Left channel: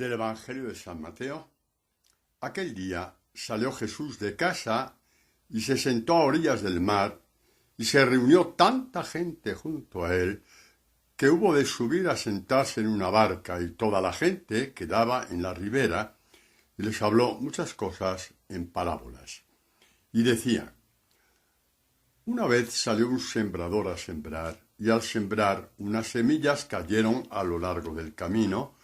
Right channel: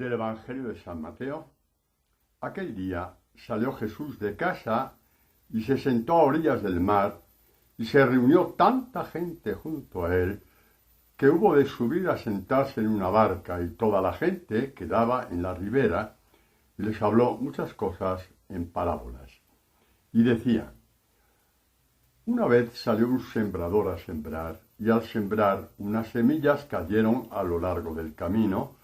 Del Evangelio de San Mateo. Aquel día salió Jesús de casa y se sentó a orillas del mar, y se reunió tanta gente junto a él que hubo de subir a sentarse en una barca, y toda la gente quedaba en la ribera, y les habló muchas cosas en parábolas. Y decía: una vez salió un sembrador a sembrar, y al sembrar unas semillas cayeron a lo largo del camino.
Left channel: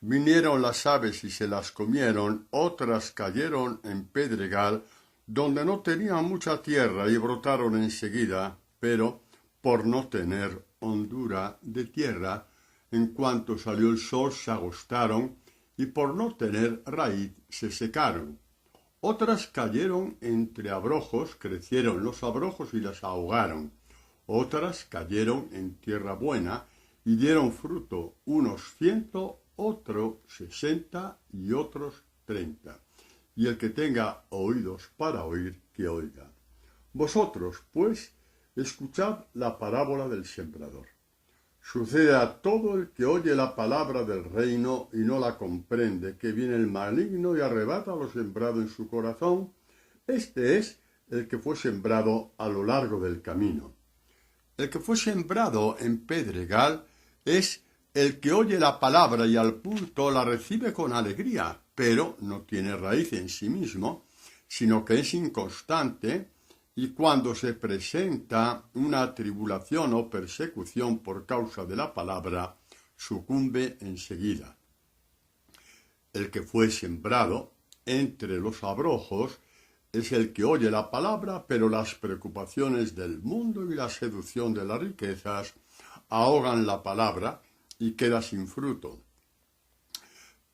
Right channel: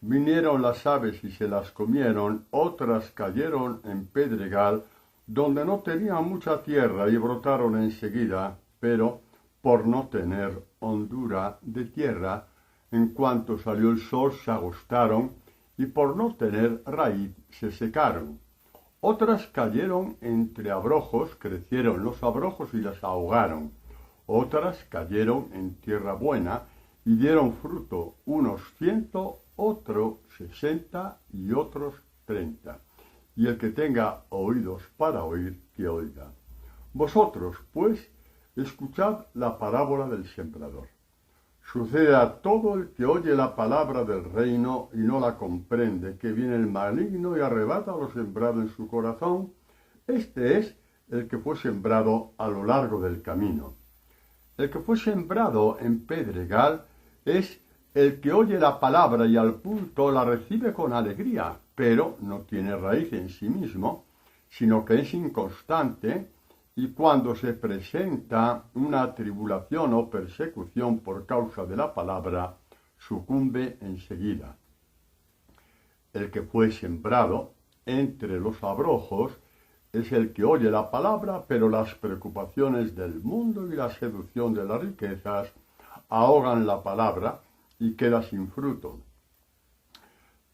Vinieron las aves y se las comieron, otras cayeron en pedregal, donde no tenían mucha tierra, y brotaron enseguida, pero por no tener hondura de tierra, en cuanto salió el sol se agostaron, y por no tener raíz se secaron. Otras cayeron entre abrojos, crecieron los abrojos y las ahogaron. Otras cayeron en tierra buena y dieron fruto, unos 100, otros 60 y otros 30. Y el que tenga oídos para oír, que oiga. Vosotros, pues, escuchad la parábola del sembrador. Sucede a todo el que oye la palabra del reino y no la comprende, que viene el maligno y arrebata lo sembrado en su corazón. Este es el que fue sembrado a lo largo del camino. El que fue sembrado en pedregal es el que oye la palabra y al punto la recibe con alegría, pero no tiene raíz en sí mismo, sino que es inconstante, y cuando se presenta una tribulación o persecución por causa de la palabra, sucumbe enseguida. El que fue sembrado entre los abrojos es el que oye la palabra, pero las preocupaciones del mundo y la seducción de las riquezas ahogan la palabra y queda sin fruto.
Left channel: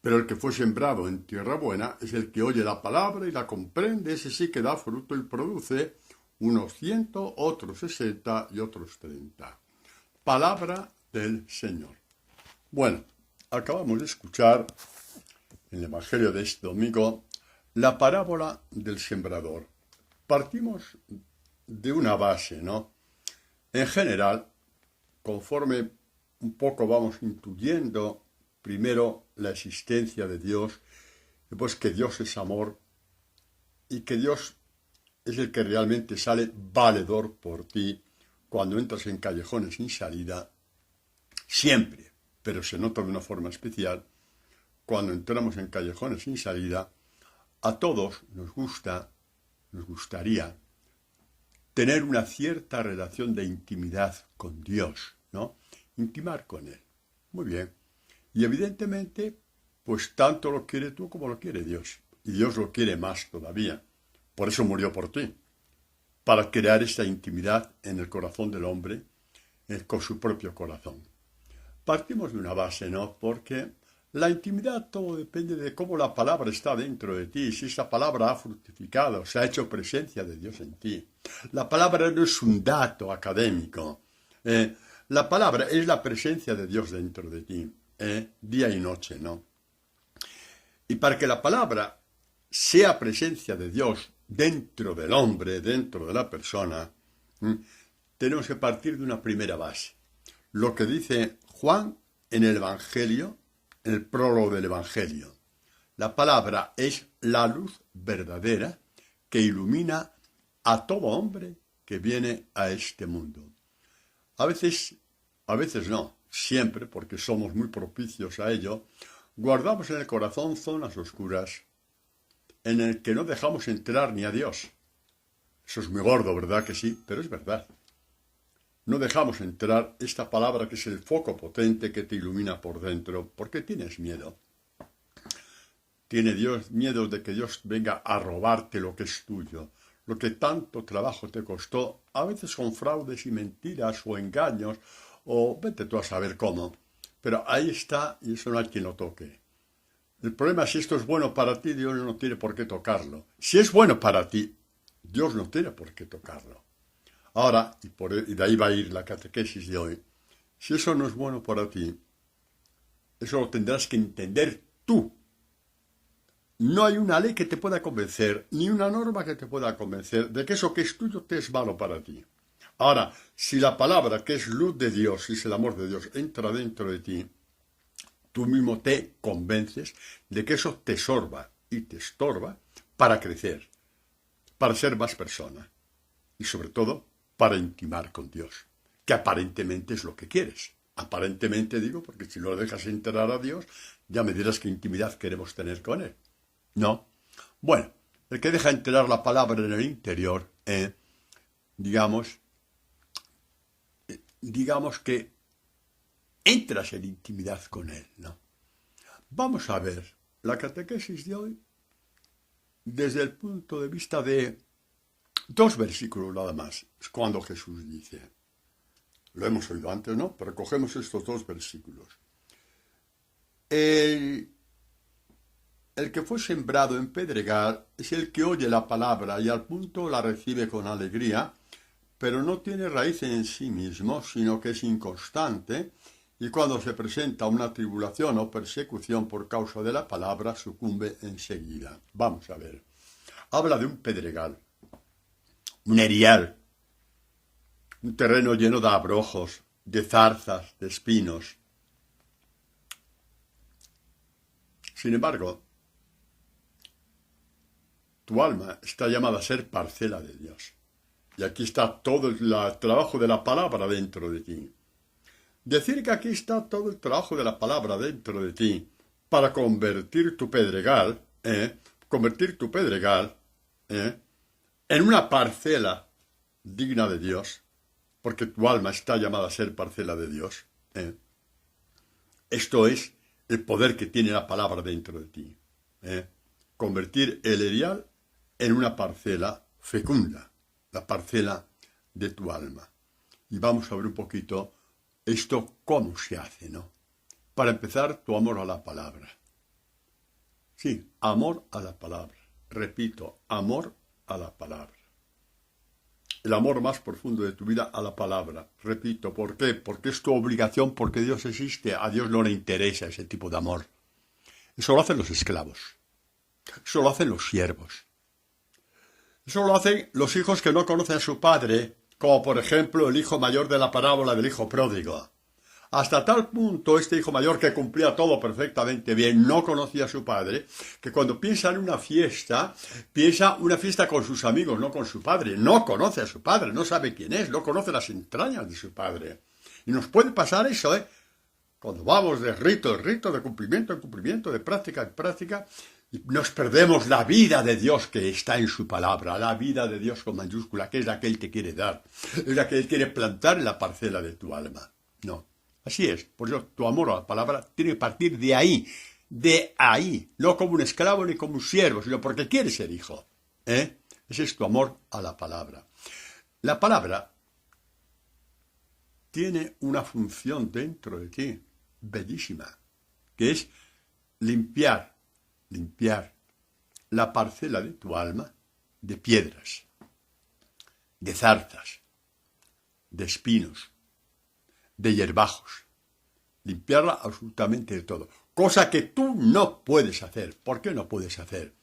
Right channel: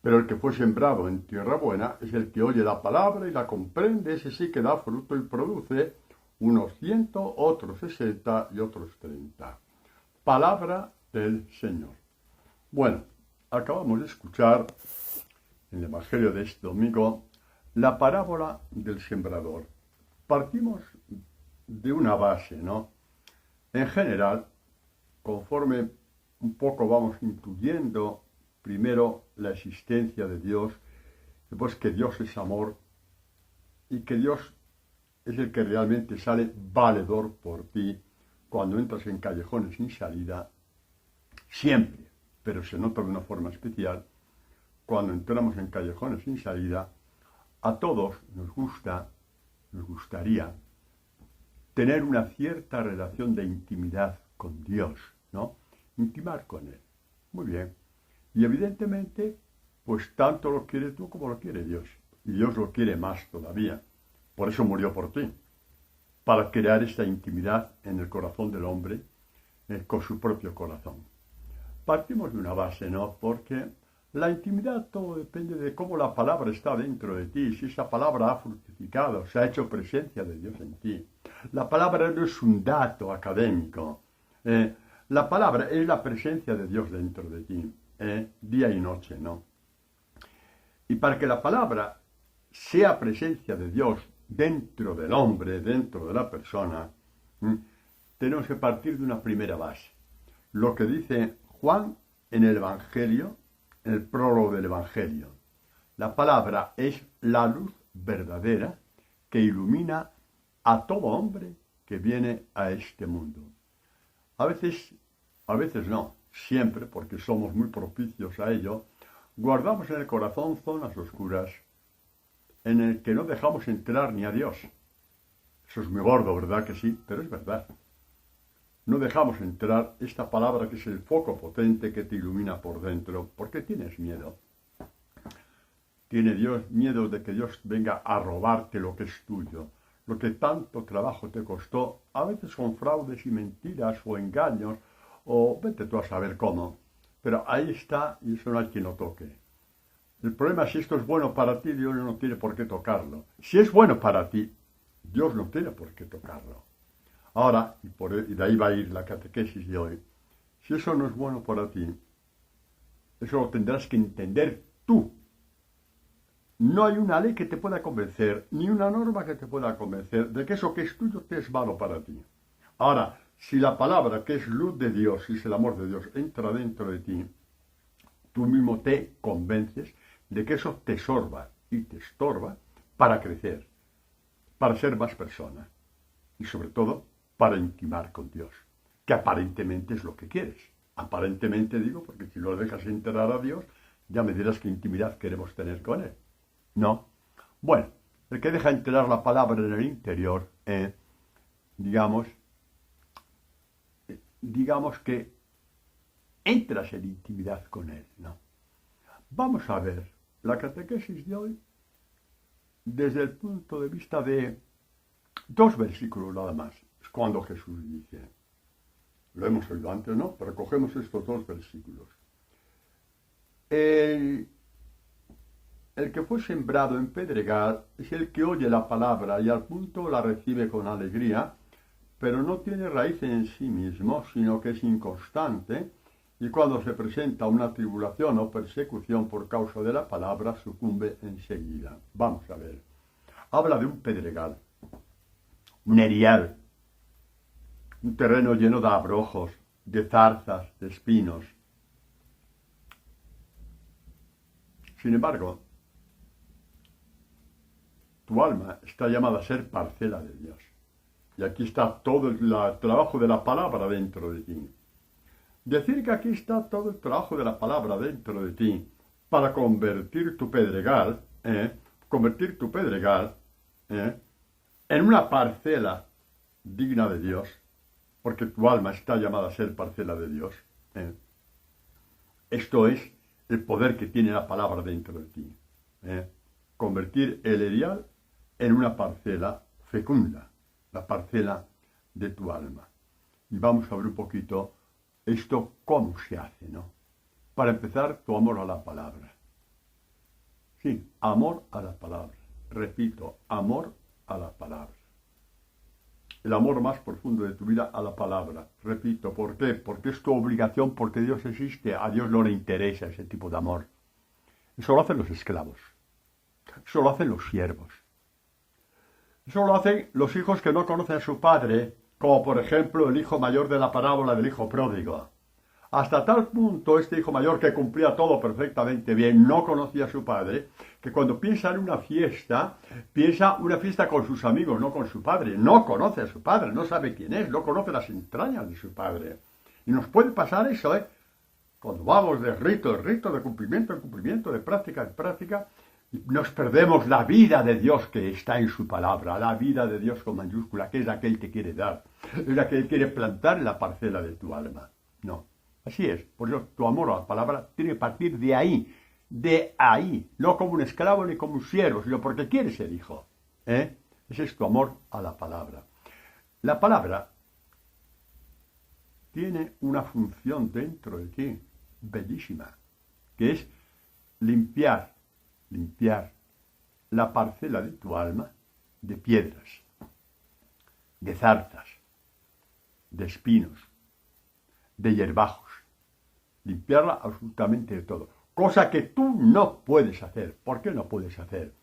Pero el que fue sembrado en tierra buena es el que oye la palabra y la comprende, ese sí que da fruto y produce unos 100, otros 60 y otros 30. Palabra del Señor. Bueno, acabamos de escuchar en el Evangelio de este domingo la parábola del sembrador. Partimos de una base, ¿no? En general, conforme un poco vamos intuyendo primero la existencia de Dios, después que Dios es amor y que Dios es el que realmente sale valedor por ti cuando entras en callejones sin salida, siempre, pero se nota de una forma especial, cuando entramos en callejones sin salida, a todos nos gustaría tener una cierta relación de intimidad con Dios, ¿no? Intimar con Él. Muy bien. Y evidentemente, pues tanto lo quiere tú como lo quiere Dios. Y Dios lo quiere más todavía. Por eso murió por ti. Para crear esta intimidad en el corazón del hombre, con su propio corazón. Partimos de una base, ¿no? Porque la intimidad todo depende de cómo la palabra está dentro de ti, si esa palabra ha fructificado, se ha hecho presencia de Dios en ti. La palabra no es un dato académico. La palabra es la presencia de Dios dentro de ti, día y noche, ¿no? Y para que la palabra sea presencia de Dios dentro del hombre, dentro de la persona, tenemos que partir de una primera base. Lo que dice Juan en el Evangelio, en el prólogo del Evangelio. La palabra es la luz verdadera que ilumina a todo hombre que viene a este mundo. A veces no, siempre, porque somos muy propicios a ello, guardamos en el corazón zonas oscuras en el que no dejamos entrar ni a Dios. Eso es muy gordo, ¿verdad que sí? Pero es verdad. No dejamos entrar esta palabra que es el foco potente que te ilumina por dentro, porque tienes miedo. Tiene Dios miedo de que Dios venga a robarte lo que es tuyo, lo que tanto trabajo te costó, a veces con fraudes y mentiras o engaños, o vete tú a saber cómo. Pero ahí está y eso no hay quien lo toque. El problema es si esto es bueno para ti, Dios no tiene por qué tocarlo. Si es bueno para ti, Dios no tiene por qué tocarlo. Ahora, y de ahí va a ir la catequesis de hoy, si eso no es bueno para ti, eso lo tendrás que entender tú. No hay una ley que te pueda convencer, ni una norma que te pueda convencer de que eso que es tuyo te es malo para ti. Ahora, si la palabra que es luz de Dios, si es el amor de Dios, entra dentro de ti, tú mismo te convences de que eso te sorba y te estorba para crecer, para ser más persona y sobre todo para intimar con Dios, que aparentemente es lo que quieres. Aparentemente digo, porque si no lo dejas enterar a Dios, ya me dirás qué intimidad queremos tener con Él. ¿No? Bueno, el que deja enterar la palabra en el interior, digamos que entras en intimidad con Él, ¿no? Vamos a ver la catequesis de hoy desde el punto de vista de 2 versículos nada más. Es cuando Jesús dice, lo hemos oído antes, ¿no? Pero cogemos estos 2 versículos. El que fue sembrado en pedregal es el que oye la palabra y al punto la recibe con alegría, pero no tiene raíz en sí mismo, sino que es inconstante, y cuando se presenta una tribulación o persecución por causa de la palabra, sucumbe enseguida. Vamos a ver. Habla de un pedregal, un erial, un terreno lleno de abrojos, de zarzas, de espinos. Sin embargo, tu alma está llamada a ser parcela de Dios. Y aquí está todo el trabajo de la palabra dentro de ti. Decir que aquí está todo el trabajo de la palabra dentro de ti para convertir tu pedregal, en una parcela digna de Dios, porque tu alma está llamada a ser parcela de Dios. Esto es el poder que tiene la palabra dentro de ti. Convertir el erial en una parcela fecunda, la parcela de tu alma. Y vamos a ver un poquito esto cómo se hace, ¿no? Para empezar, tu amor a la palabra. Sí, amor a la palabra. Repito, amor a la palabra. El amor más profundo de tu vida a la palabra. Repito, ¿por qué? Porque es tu obligación, porque Dios existe. A Dios no le interesa ese tipo de amor. Eso lo hacen los esclavos. Eso lo hacen los siervos. Eso lo hacen los hijos que no conocen a su padre, como por ejemplo el hijo mayor de la parábola del hijo pródigo. Hasta tal punto este hijo mayor, que cumplía todo perfectamente bien, no conocía a su padre, que cuando piensa en una fiesta con sus amigos, no con su padre. No conoce a su padre, no sabe quién es, no conoce las entrañas de su padre. Y nos puede pasar eso, cuando vamos de rito en rito, de cumplimiento en cumplimiento, de práctica en práctica, nos perdemos la vida de Dios que está en su palabra, la vida de Dios con mayúscula, que es la que Él te quiere dar, es la que Él quiere plantar en la parcela de tu alma. No, así es. Por eso tu amor a la palabra tiene que partir de ahí, no como un esclavo ni como un siervo, sino porque quieres ser hijo. Ese es tu amor a la palabra. La palabra tiene una función dentro de ti, bellísima, que es limpiar la parcela de tu alma de piedras, de zarzas, de espinos, de hierbajos. Limpiarla absolutamente de todo. Cosa que tú no puedes hacer. ¿Por qué no puedes hacer?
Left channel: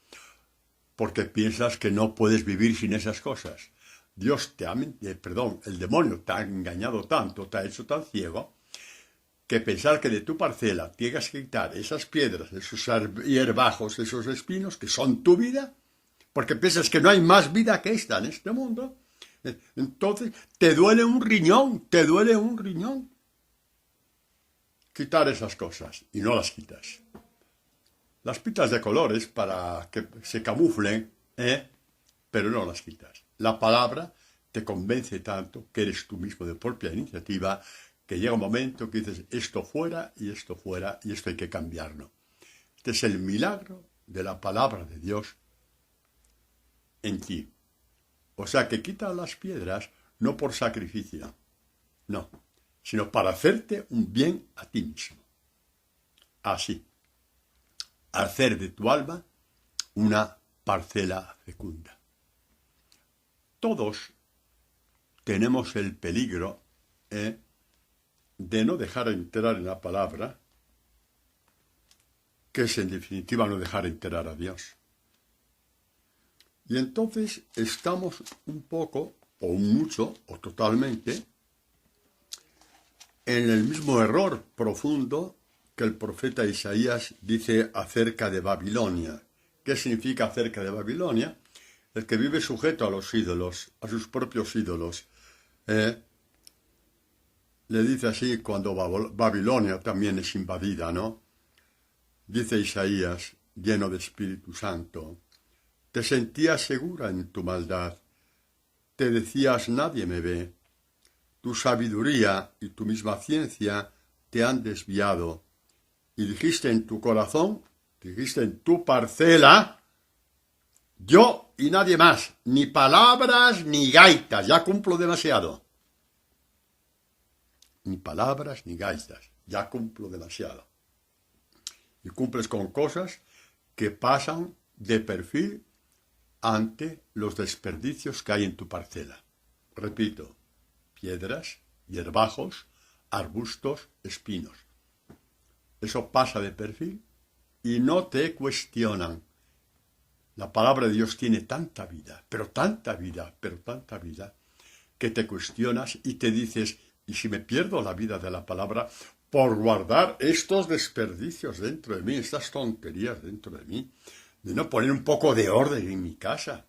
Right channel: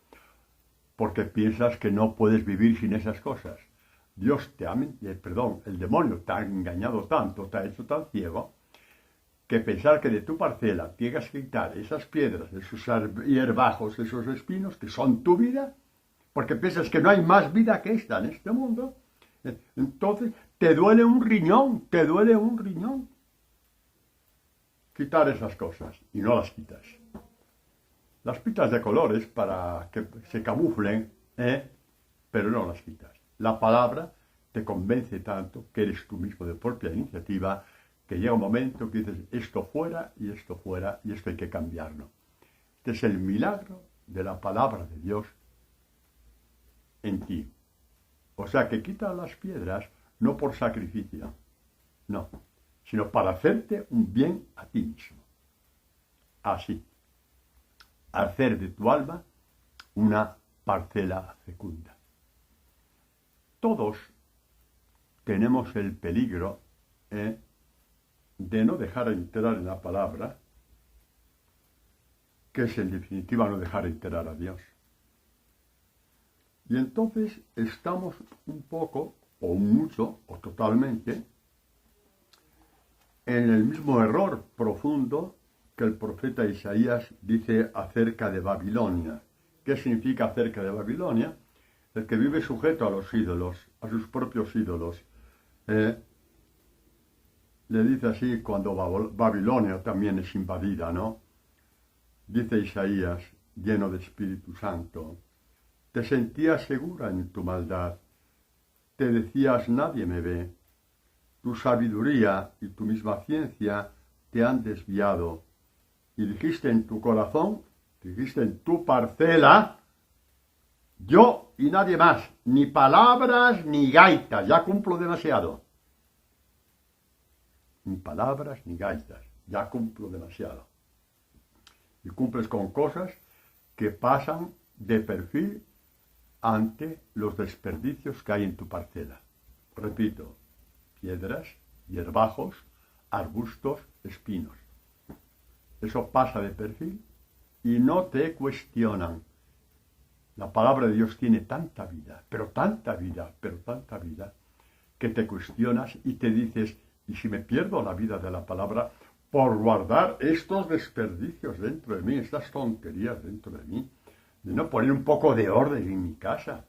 Porque piensas que no puedes vivir sin esas cosas. El demonio te ha engañado tanto, te ha hecho tan ciego, que pensar que de tu parcela tienes que quitar esas piedras, esos hierbajos, esos espinos, que son tu vida, porque piensas que no hay más vida que esta en este mundo, entonces te duele un riñón, quitar esas cosas, y no las quitas. Las pintas de colores para que se camuflen, pero no las quitas. La palabra te convence tanto que eres tú mismo de propia iniciativa, que llega un momento que dices, esto fuera, y esto hay que cambiarlo. Este es el milagro de la palabra de Dios en ti. O sea, que quita las piedras no por sacrificio, no, sino para hacerte un bien a ti mismo. Así, hacer de tu alma una parcela fecunda. Todos tenemos el peligro de no dejar entrar en la palabra, que es en definitiva no dejar entrar a Dios. Y entonces estamos un poco, o mucho, o totalmente, en el mismo error profundo que el profeta Isaías dice acerca de Babilonia. ¿Qué significa acerca de Babilonia? El que vive sujeto a los ídolos, a sus propios ídolos. Le dice así cuando Babilonia también es invadida, ¿no? Dice Isaías, lleno de Espíritu Santo, te sentías segura en tu maldad, te decías nadie me ve, tu sabiduría y tu misma ciencia te han desviado, y dijiste en tu corazón, dijiste en tu parcela, yo y nadie más, ni palabras ni gaitas, ya cumplo demasiado. Ni palabras ni gaitas, ya cumplo demasiado. Y cumples con cosas que pasan de perfil ante los desperdicios que hay en tu parcela. Repito, piedras, hierbajos, arbustos, espinos. Eso pasa de perfil y no te cuestionan. La palabra de Dios tiene tanta vida, pero tanta vida, que te cuestionas y te dices, ¿y si me pierdo la vida de la palabra por guardar estos desperdicios dentro de mí, estas tonterías dentro de mí, de no poner un poco de orden en mi casa?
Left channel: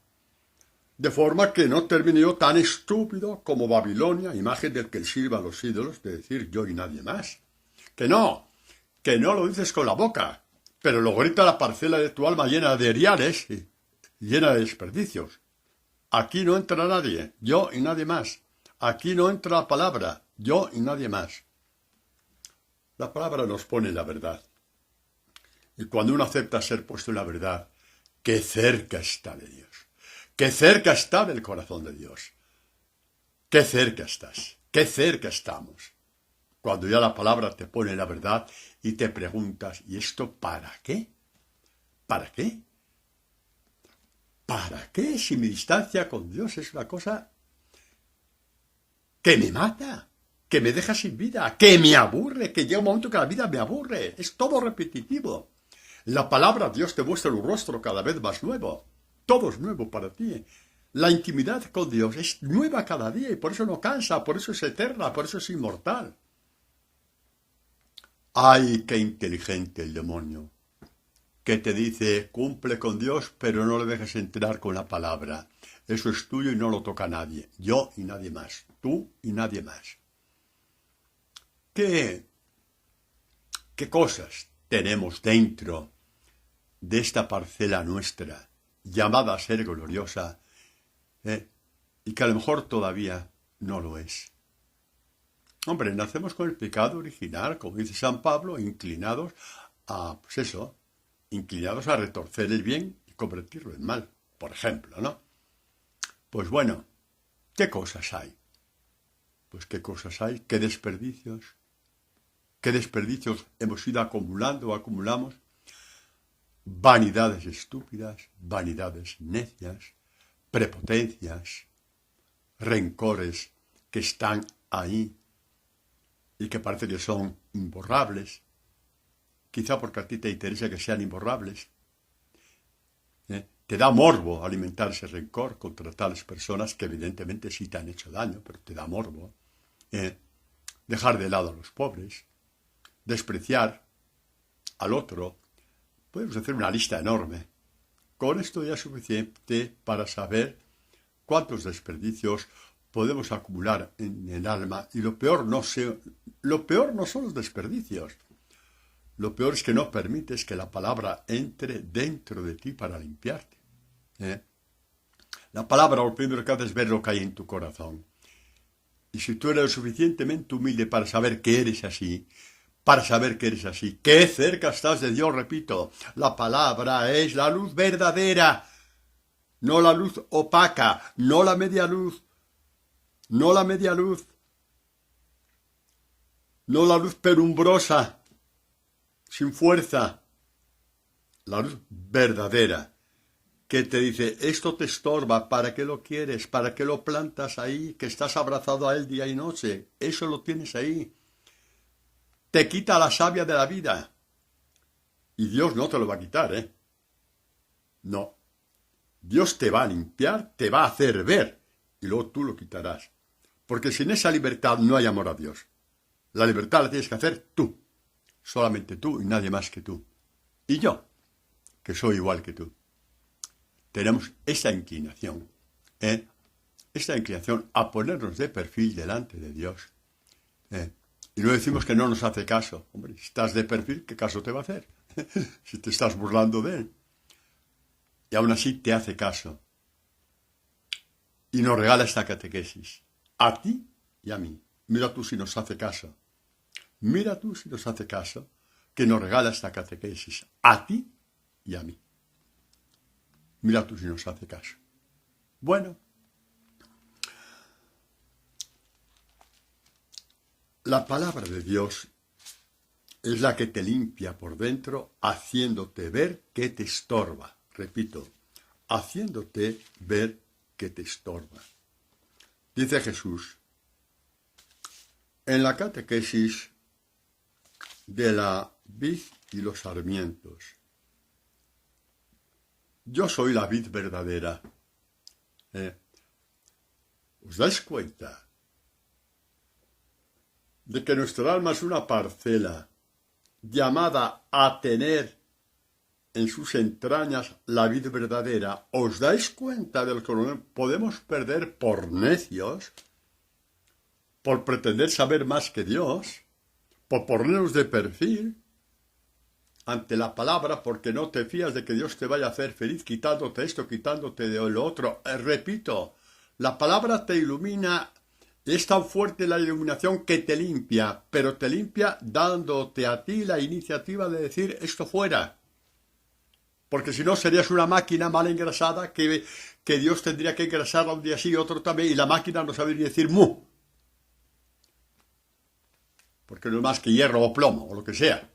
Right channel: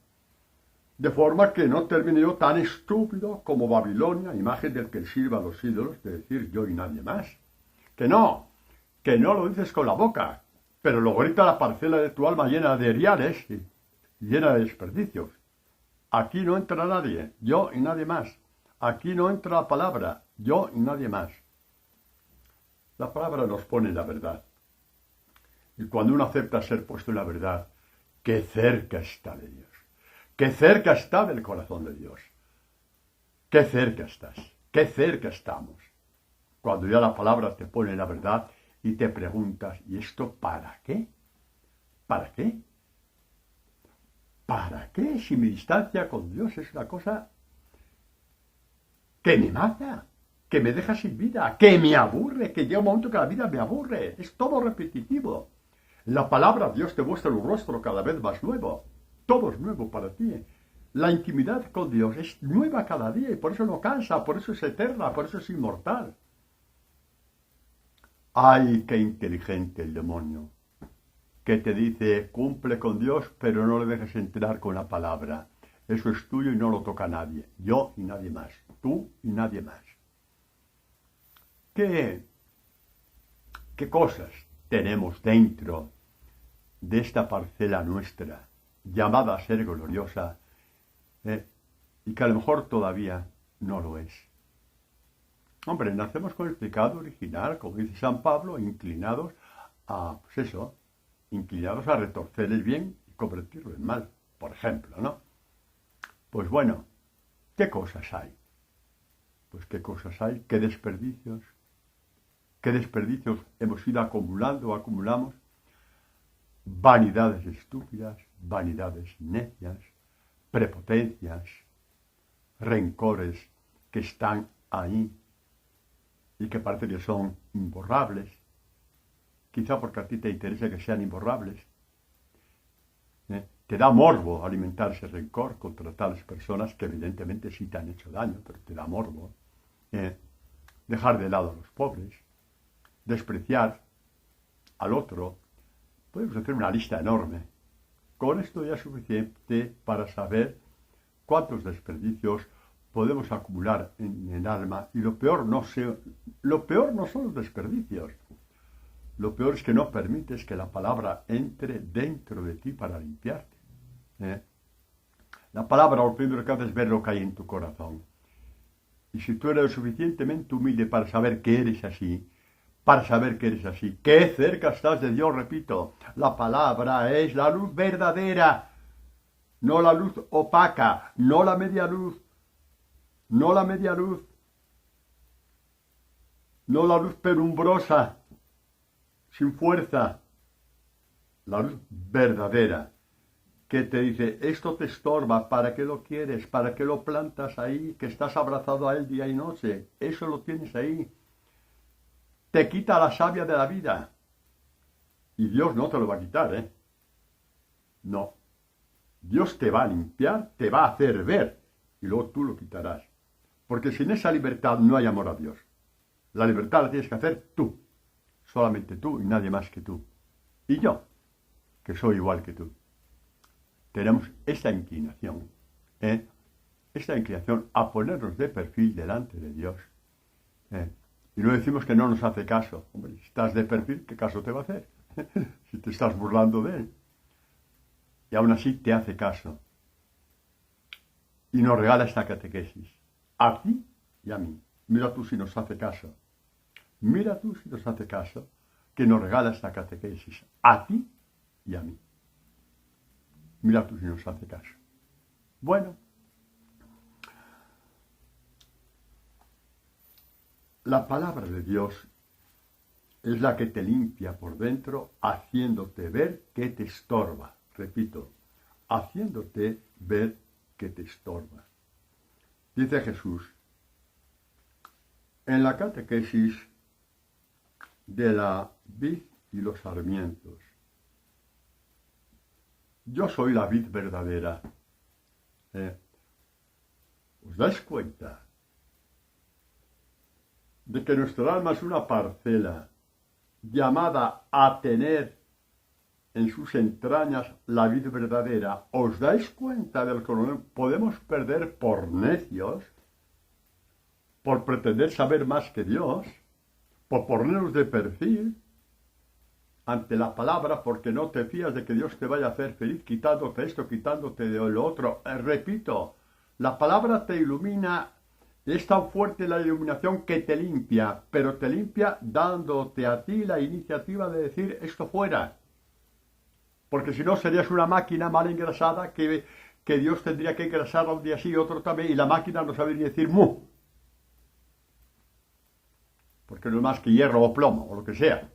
De forma que no termine yo tan estúpido como Babilonia, imagen del que sirva a los ídolos, de decir yo y nadie más. Que no lo dices con la boca, pero lo grita la parcela de tu alma llena de eriales y llena de desperdicios. Aquí no entra nadie, yo y nadie más. Aquí no entra la palabra, yo y nadie más. La palabra nos pone en la verdad. Y cuando uno acepta ser puesto en la verdad, qué cerca está de Dios. Qué cerca está del corazón de Dios. Qué cerca estás. Qué cerca estamos. Cuando ya la palabra te pone en la verdad y te preguntas, ¿y esto para qué? ¿Para qué? ¿Para qué si mi distancia con Dios es una cosa que me mata, que me deja sin vida, que me aburre, que llega un momento que la vida me aburre? Es todo repetitivo. La palabra Dios te muestra un rostro cada vez más nuevo. Todo es nuevo para ti. La intimidad con Dios es nueva cada día y por eso no cansa, por eso es eterna, por eso es inmortal. ¡Ay, qué inteligente el demonio! Que te dice, cumple con Dios, pero no le dejes entrar con la palabra. Eso es tuyo y no lo toca nadie. Yo y nadie más. Tú y nadie más. ¿Qué cosas tenemos dentro de esta parcela nuestra, llamada a ser gloriosa, y que a lo mejor todavía no lo es? Hombre, nacemos con el pecado original, como dice San Pablo, inclinados a retorcer el bien y convertirlo en mal, por ejemplo, ¿no? Pues bueno, ¿qué cosas hay? Pues qué cosas hay, qué desperdicios hemos ido acumulando o acumulamos. Vanidades estúpidas, vanidades necias, prepotencias, rencores que están ahí y que parece que son imborrables, quizá porque a ti te interesa que sean imborrables. Te da morbo alimentar ese rencor contra tales personas que evidentemente sí te han hecho daño, pero te da morbo. Dejar de lado a los pobres, despreciar al otro. Podemos hacer una lista enorme. Con esto ya es suficiente para saber cuántos desperdicios podemos acumular en el alma. Y lo peor no son los desperdicios. Lo peor es que no permites que la palabra entre dentro de ti para limpiarte. La palabra lo primero que hace es ver lo que hay en tu corazón. Y si tú eres lo suficientemente humilde para saber que eres así, qué cerca estás de Dios, repito, la palabra es la luz verdadera, no la luz opaca, no la media luz, no la luz penumbrosa, sin fuerza, la luz verdadera, que te dice, esto te estorba, ¿para qué lo quieres? ¿Para qué lo plantas ahí? Que estás abrazado a él día y noche, eso lo tienes ahí. Te quita la savia de la vida. Y Dios no te lo va a quitar, ¿eh? No. Dios te va a limpiar, te va a hacer ver, y luego tú lo quitarás. Porque sin esa libertad no hay amor a Dios. La libertad la tienes que hacer tú. Solamente tú y nadie más que tú. Y yo, que soy igual que tú. Tenemos esa inclinación, esta inclinación a ponernos de perfil delante de Dios. Y no decimos que no nos hace caso. Hombre, si estás de perfil, ¿qué caso te va a hacer? Si te estás burlando de él. Y aún así te hace caso. Y nos regala esta catequesis. A ti y a mí. Mira tú si nos hace caso. Mira tú si nos hace caso, que nos regala esta catequesis. A ti y a mí. Mira tú si nos hace caso. Bueno. La palabra de Dios es la que te limpia por dentro, haciéndote ver que te estorba. Repito, haciéndote ver que te estorba. Dice Jesús, en la catequesis de la vid y los sarmientos, yo soy la vid verdadera. ¿Os dais cuenta de que nuestra alma es una parcela llamada a tener en sus entrañas la vid verdadera? ¿Os dais cuenta de lo que podemos perder por necios, por pretender saber más que Dios, por ponernos de perfil ante la palabra, porque no te fías de que Dios te vaya a hacer feliz quitándote esto, quitándote de lo otro? Repito, la palabra te ilumina. Es tan fuerte la iluminación que te limpia, pero te limpia dándote a ti la iniciativa de decir esto fuera. Porque si no serías una máquina mal engrasada que Dios tendría que engrasar un día sí y otro también, y la máquina no sabe ni decir mu. Porque no es más que hierro o plomo o lo que sea.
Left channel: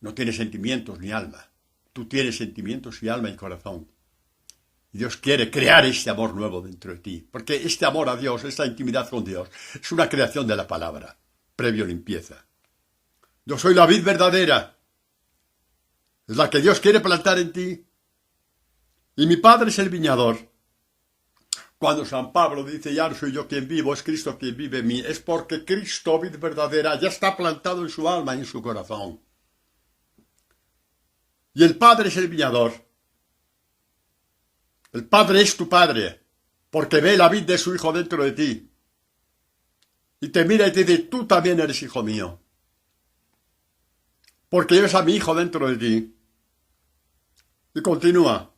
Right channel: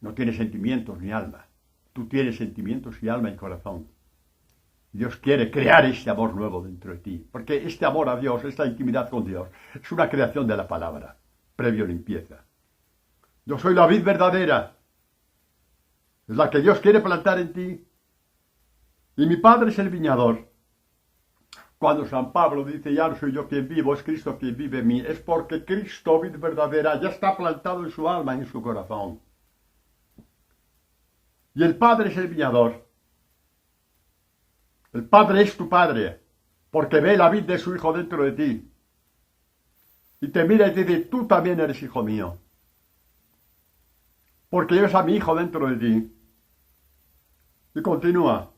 No tiene sentimientos ni alma. Tú tienes sentimientos y alma y corazón. Dios quiere crear este amor nuevo dentro de ti, porque este amor a Dios, esta intimidad con Dios, es una creación de la palabra, previo limpieza. Yo soy la vid verdadera, es la que Dios quiere plantar en ti, y mi Padre es el viñador. Cuando San Pablo dice, ya no soy yo quien vivo, es Cristo quien vive en mí, es porque Cristo, vid verdadera, ya está plantado en su alma y en su corazón. Y el Padre es el viñador. El Padre es tu Padre, porque ve la vid de su Hijo dentro de ti. Y te mira y te dice, tú también eres hijo mío. Porque lleves a mi Hijo dentro de ti. Y continúa.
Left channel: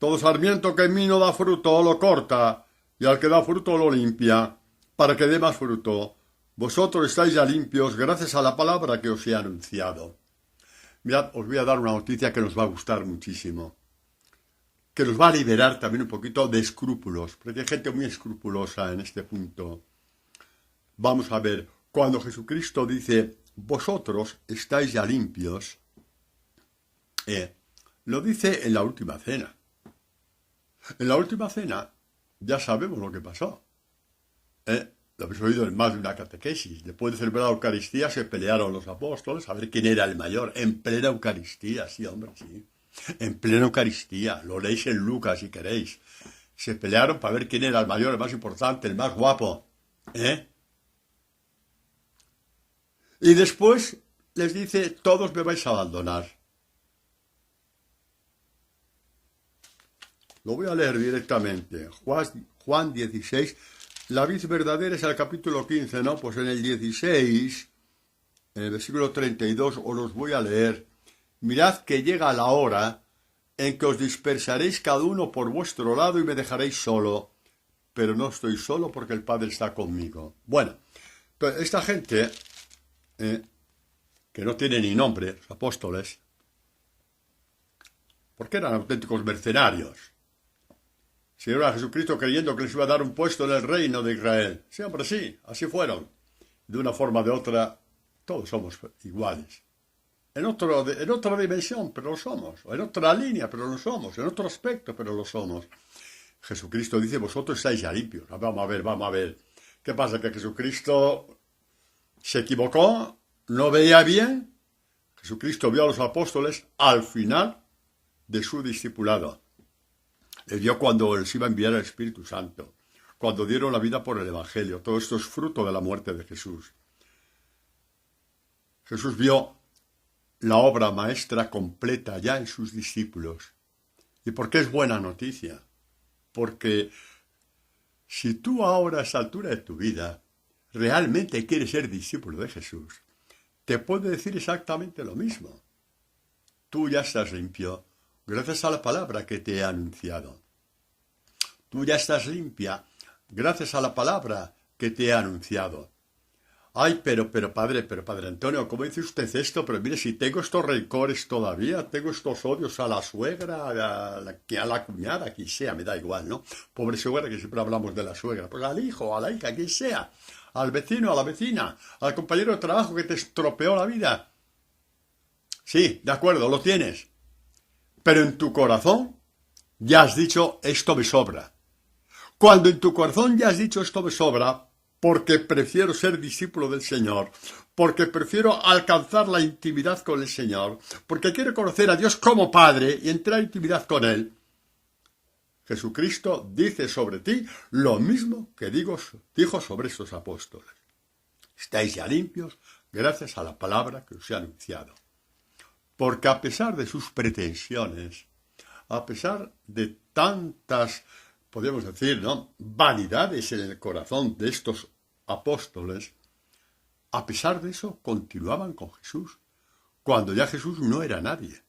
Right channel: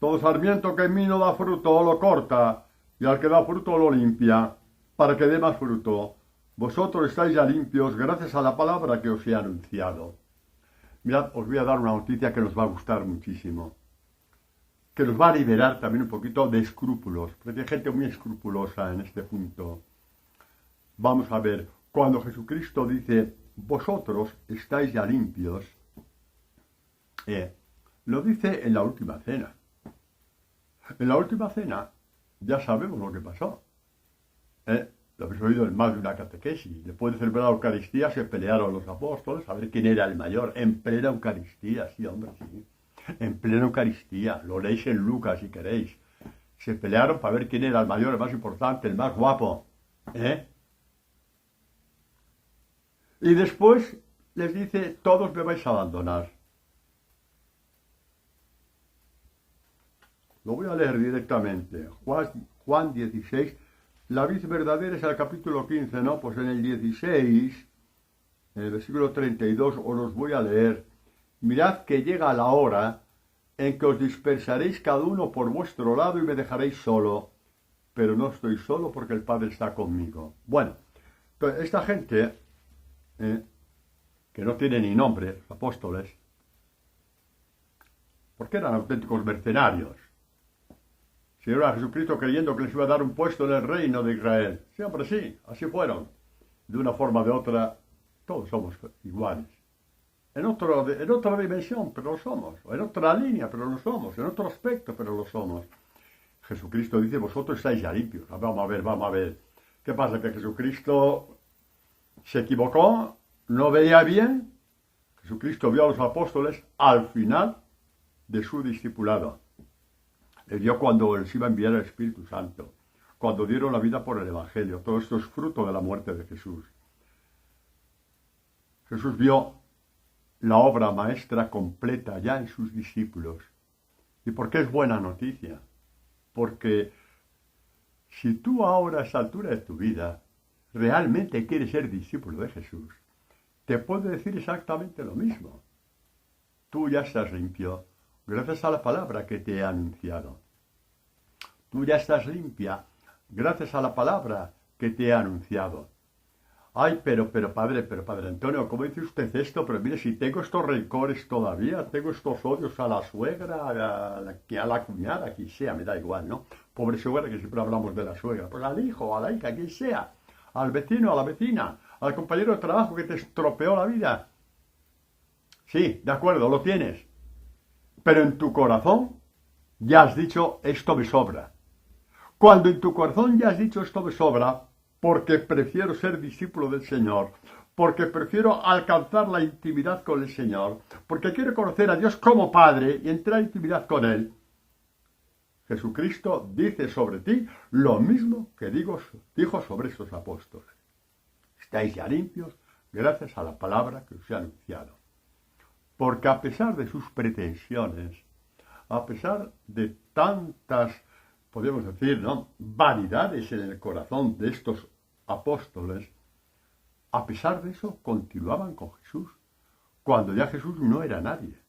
Todo sarmiento que en mí no da fruto lo corta, y al que da fruto lo limpia, para que dé más fruto. Vosotros estáis ya limpios gracias a la palabra que os he anunciado. Mirad, os voy a dar una noticia que nos va a gustar muchísimo, que nos va a liberar también un poquito de escrúpulos, porque hay gente muy escrupulosa en este punto. Vamos a ver, cuando Jesucristo dice, vosotros estáis ya limpios, lo dice en la última cena. En la última cena ya sabemos lo que pasó. Lo habéis oído en más de una catequesis. Después de celebrar la Eucaristía se pelearon los apóstoles a ver quién era el mayor. En plena Eucaristía, sí, hombre, sí. En plena Eucaristía, lo leéis en Lucas si queréis. Se pelearon para ver quién era el mayor, el más importante, el más guapo. Y después les dice, todos me vais a abandonar. Lo voy a leer directamente. Juan 16. La vid verdadera es el capítulo 15, ¿no? Pues en el 16, en el versículo 32, os los voy a leer. Mirad que llega la hora en que os dispersaréis cada uno por vuestro lado y me dejaréis solo. Pero no estoy solo porque el Padre está conmigo. Bueno, entonces esta gente, que no tiene ni nombre, los apóstoles, porque eran auténticos mercenarios. Siguieron a Jesucristo creyendo que les iba a dar un puesto en el reino de Israel. Sí, hombre, sí, así fueron. De una forma o de otra, todos somos iguales. En otra dimensión, pero lo somos. En otra línea, pero lo somos. En otro aspecto, pero lo somos. Jesucristo dice, vosotros estáis ya limpios. Vamos a ver. ¿Qué pasa? ¿Que Jesucristo se equivocó? ¿No veía bien? Jesucristo vio a los apóstoles al final de su discipulado. Le vio cuando les iba a enviar el Espíritu Santo, cuando dieron la vida por el Evangelio. Todo esto es fruto de la muerte de Jesús. Jesús vio la obra maestra completa ya en sus discípulos. ¿Y por qué es buena noticia? Porque si tú ahora a esa altura de tu vida realmente quieres ser discípulo de Jesús, te puede decir exactamente lo mismo. Tú ya estás limpio gracias a la palabra que te he anunciado. Tú ya estás limpia gracias a la palabra que te he anunciado. Ay, pero padre Antonio, ¿cómo dice usted esto? Pero mire, si tengo estos rencores todavía, tengo estos odios a la suegra, a la cuñada, a quien sea, me da igual, ¿no? Pobre suegra, que siempre hablamos de la suegra. Pues al hijo, a la hija, a quien sea. Al vecino, a la vecina, al compañero de trabajo que te estropeó la vida. Sí, de acuerdo, lo tienes. Pero en tu corazón ya has dicho, esto me sobra. Cuando en tu corazón ya has dicho, esto me sobra, porque prefiero ser discípulo del Señor, porque prefiero alcanzar la intimidad con el Señor, porque quiero conocer a Dios como Padre y entrar en intimidad con Él. Jesucristo dice sobre ti lo mismo que dijo sobre esos apóstoles. Estáis ya limpios gracias a la palabra que os he anunciado. Porque a pesar de sus pretensiones, a pesar de tantas, podemos decir, ¿no?, vanidades en el corazón de estos apóstoles, a pesar de eso continuaban con Jesús, cuando ya Jesús no era nadie.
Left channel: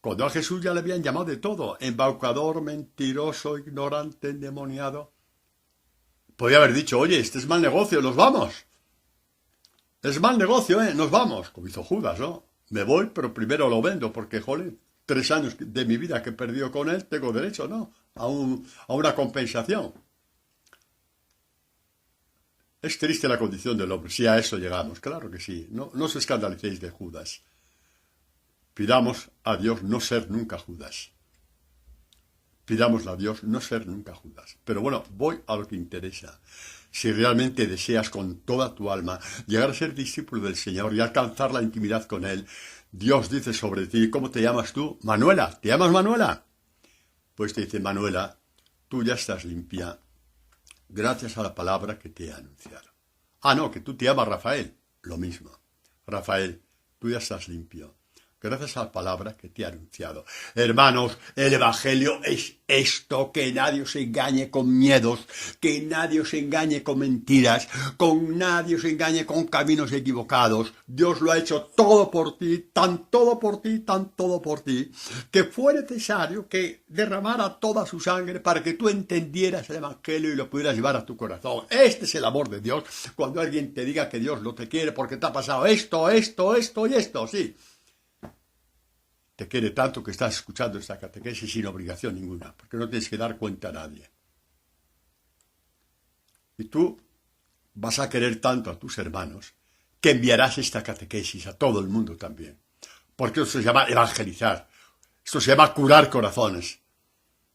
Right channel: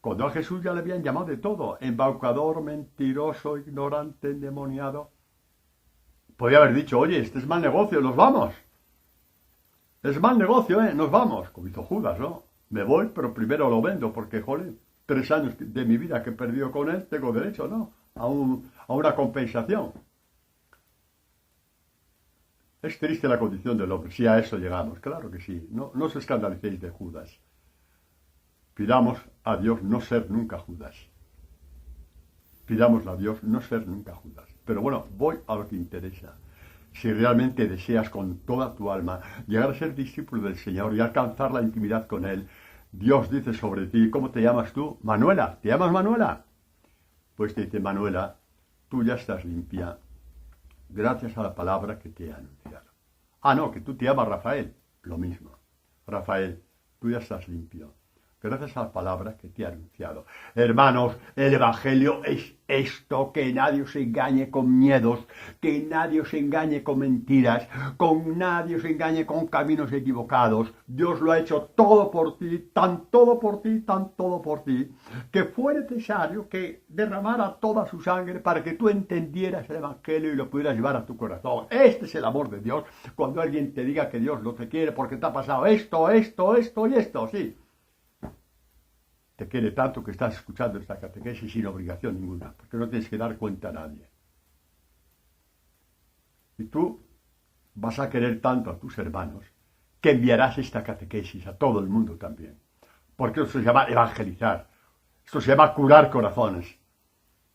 Cuando a Jesús ya le habían llamado de todo, embaucador, mentiroso, ignorante, endemoniado. Podría haber dicho, oye, este es mal negocio, nos vamos. Es mal negocio, nos vamos, como hizo Judas, ¿no? Me voy, pero primero lo vendo, porque, joder, 3 años de mi vida que he perdido con él, tengo derecho, ¿no?, a una compensación. Es triste la condición del hombre, si a eso llegamos, claro que sí. No os escandalicéis de Judas. Pidamos a Dios no ser nunca Judas. Pidámosle a Dios no ser nunca Judas. Pero bueno, voy a lo que interesa. Si realmente deseas con toda tu alma llegar a ser discípulo del Señor y alcanzar la intimidad con Él, Dios dice sobre ti, ¿cómo te llamas tú? Manuela, ¿te llamas Manuela? Pues te dice, Manuela, tú ya estás limpia gracias a la palabra que te he anunciado. Ah, no, que tú te llamas Rafael. Lo mismo. Rafael, tú ya estás limpio gracias a la palabra que te he anunciado. Hermanos, el Evangelio es esto, que nadie os engañe con miedos, que nadie os engañe con mentiras, con nadie os engañe con caminos equivocados. Dios lo ha hecho todo por ti, tan todo por ti, tan todo por ti, que fue necesario que derramara toda su sangre para que tú entendieras el Evangelio y lo pudieras llevar a tu corazón. Este es el amor de Dios, cuando alguien te diga que Dios no te quiere porque te ha pasado esto y esto, sí. Te quiere tanto que estás escuchando esta catequesis sin obligación ninguna, porque no tienes que dar cuenta a nadie. Y tú vas a querer tanto a tus hermanos que enviarás esta catequesis a todo el mundo también. Porque eso se llama evangelizar. Esto se llama curar corazones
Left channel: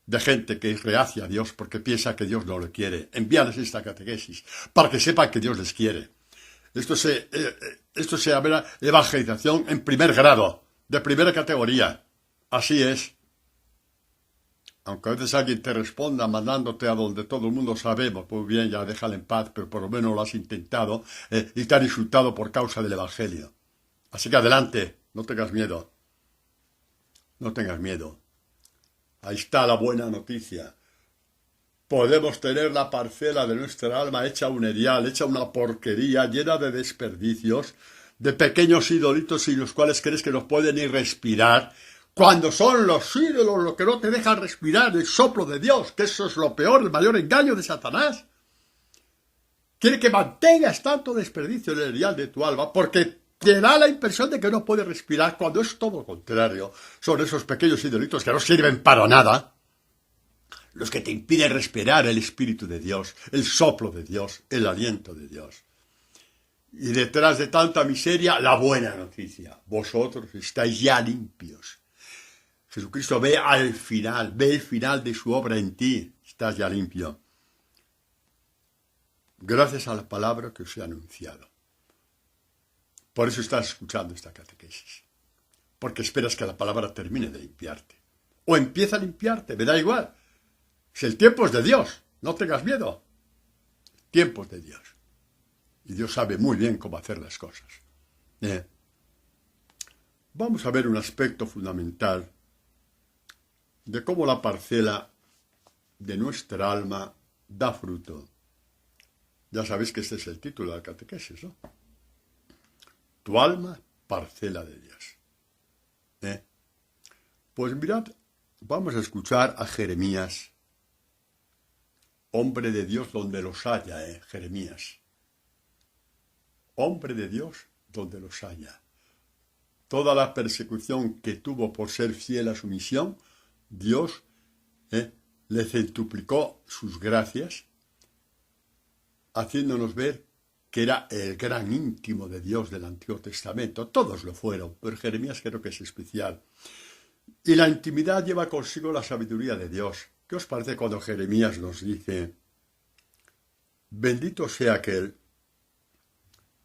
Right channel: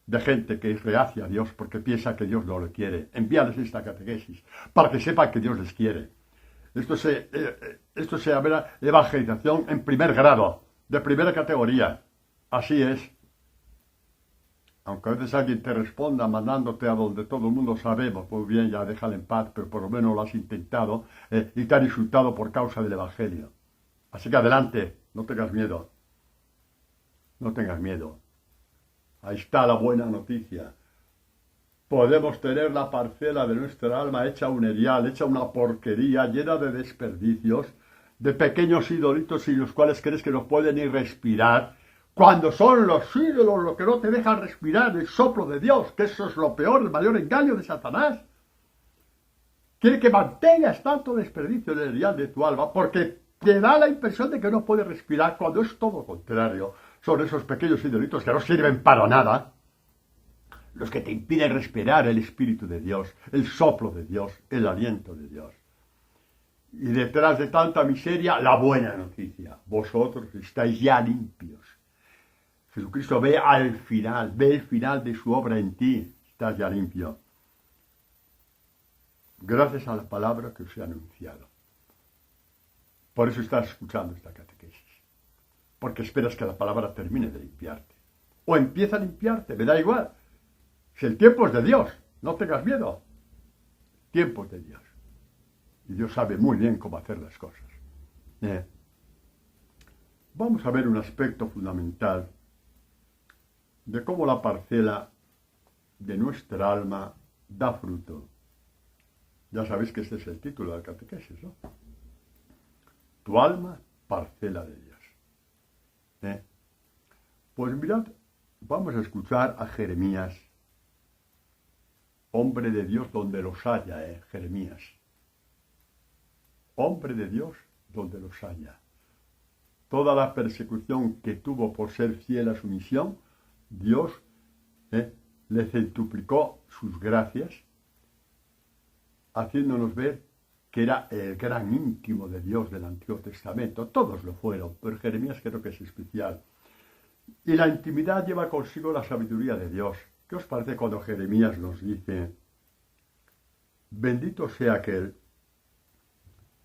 de gente que es reacia a Dios porque piensa que Dios no lo quiere. Envíales esta catequesis para que sepan que Dios les quiere. Esto se llama evangelización en primer grado, de primera categoría. Así es. Aunque a veces alguien te responda mandándote a donde todo el mundo sabemos, pues bien, ya déjale en paz, pero por lo menos lo has intentado y te han insultado por causa del Evangelio. Así que adelante, no tengas miedo. No tengas miedo. Ahí está la buena noticia. Podemos tener la parcela de nuestra alma hecha un erial, hecha una porquería, llena de desperdicios, de pequeños idolitos sin los cuales crees que no pueden ni respirar, cuando son los ídolos los que no te dejan respirar, el soplo de Dios, que eso es lo peor, el mayor engaño de Satanás. Quiere que mantengas tanto desperdicio en el erial de tu alma, porque te da la impresión de que no puedes respirar, cuando es todo lo contrario. Son esos pequeños idolitos que no sirven para nada, los que te impiden respirar el Espíritu de Dios, el soplo de Dios, el aliento de Dios. Y detrás de tanta miseria, la buena noticia. Vosotros estáis ya limpios. Jesucristo ve el final de su obra en ti. Estás ya limpio. Gracias a la palabra que os he anunciado. Por eso estás escuchando esta catequesis. Porque esperas que la palabra termine de limpiarte. O empieza a limpiarte, me da igual. Si el tiempo es de Dios, no tengas miedo. El tiempo es de Dios. Y Dios sabe muy bien cómo hacer las cosas. vamos a ver un aspecto fundamental de cómo la parcela de nuestra alma da fruto. Ya sabéis que este es el título del catequesis, ¿no? Tu alma, parcela de Dios. Pues mirad, vamos a escuchar a Jeremías, hombre de Dios donde los haya, Jeremías. Hombre de Dios donde los haya. Toda la persecución que tuvo por ser fiel a su misión, Dios le centuplicó sus gracias, haciéndonos ver que era el gran íntimo de Dios del Antiguo Testamento. Todos lo fueron, pero Jeremías creo que es especial. Y la intimidad lleva consigo la sabiduría de Dios. ¿Qué os parece cuando Jeremías nos dice: bendito sea aquel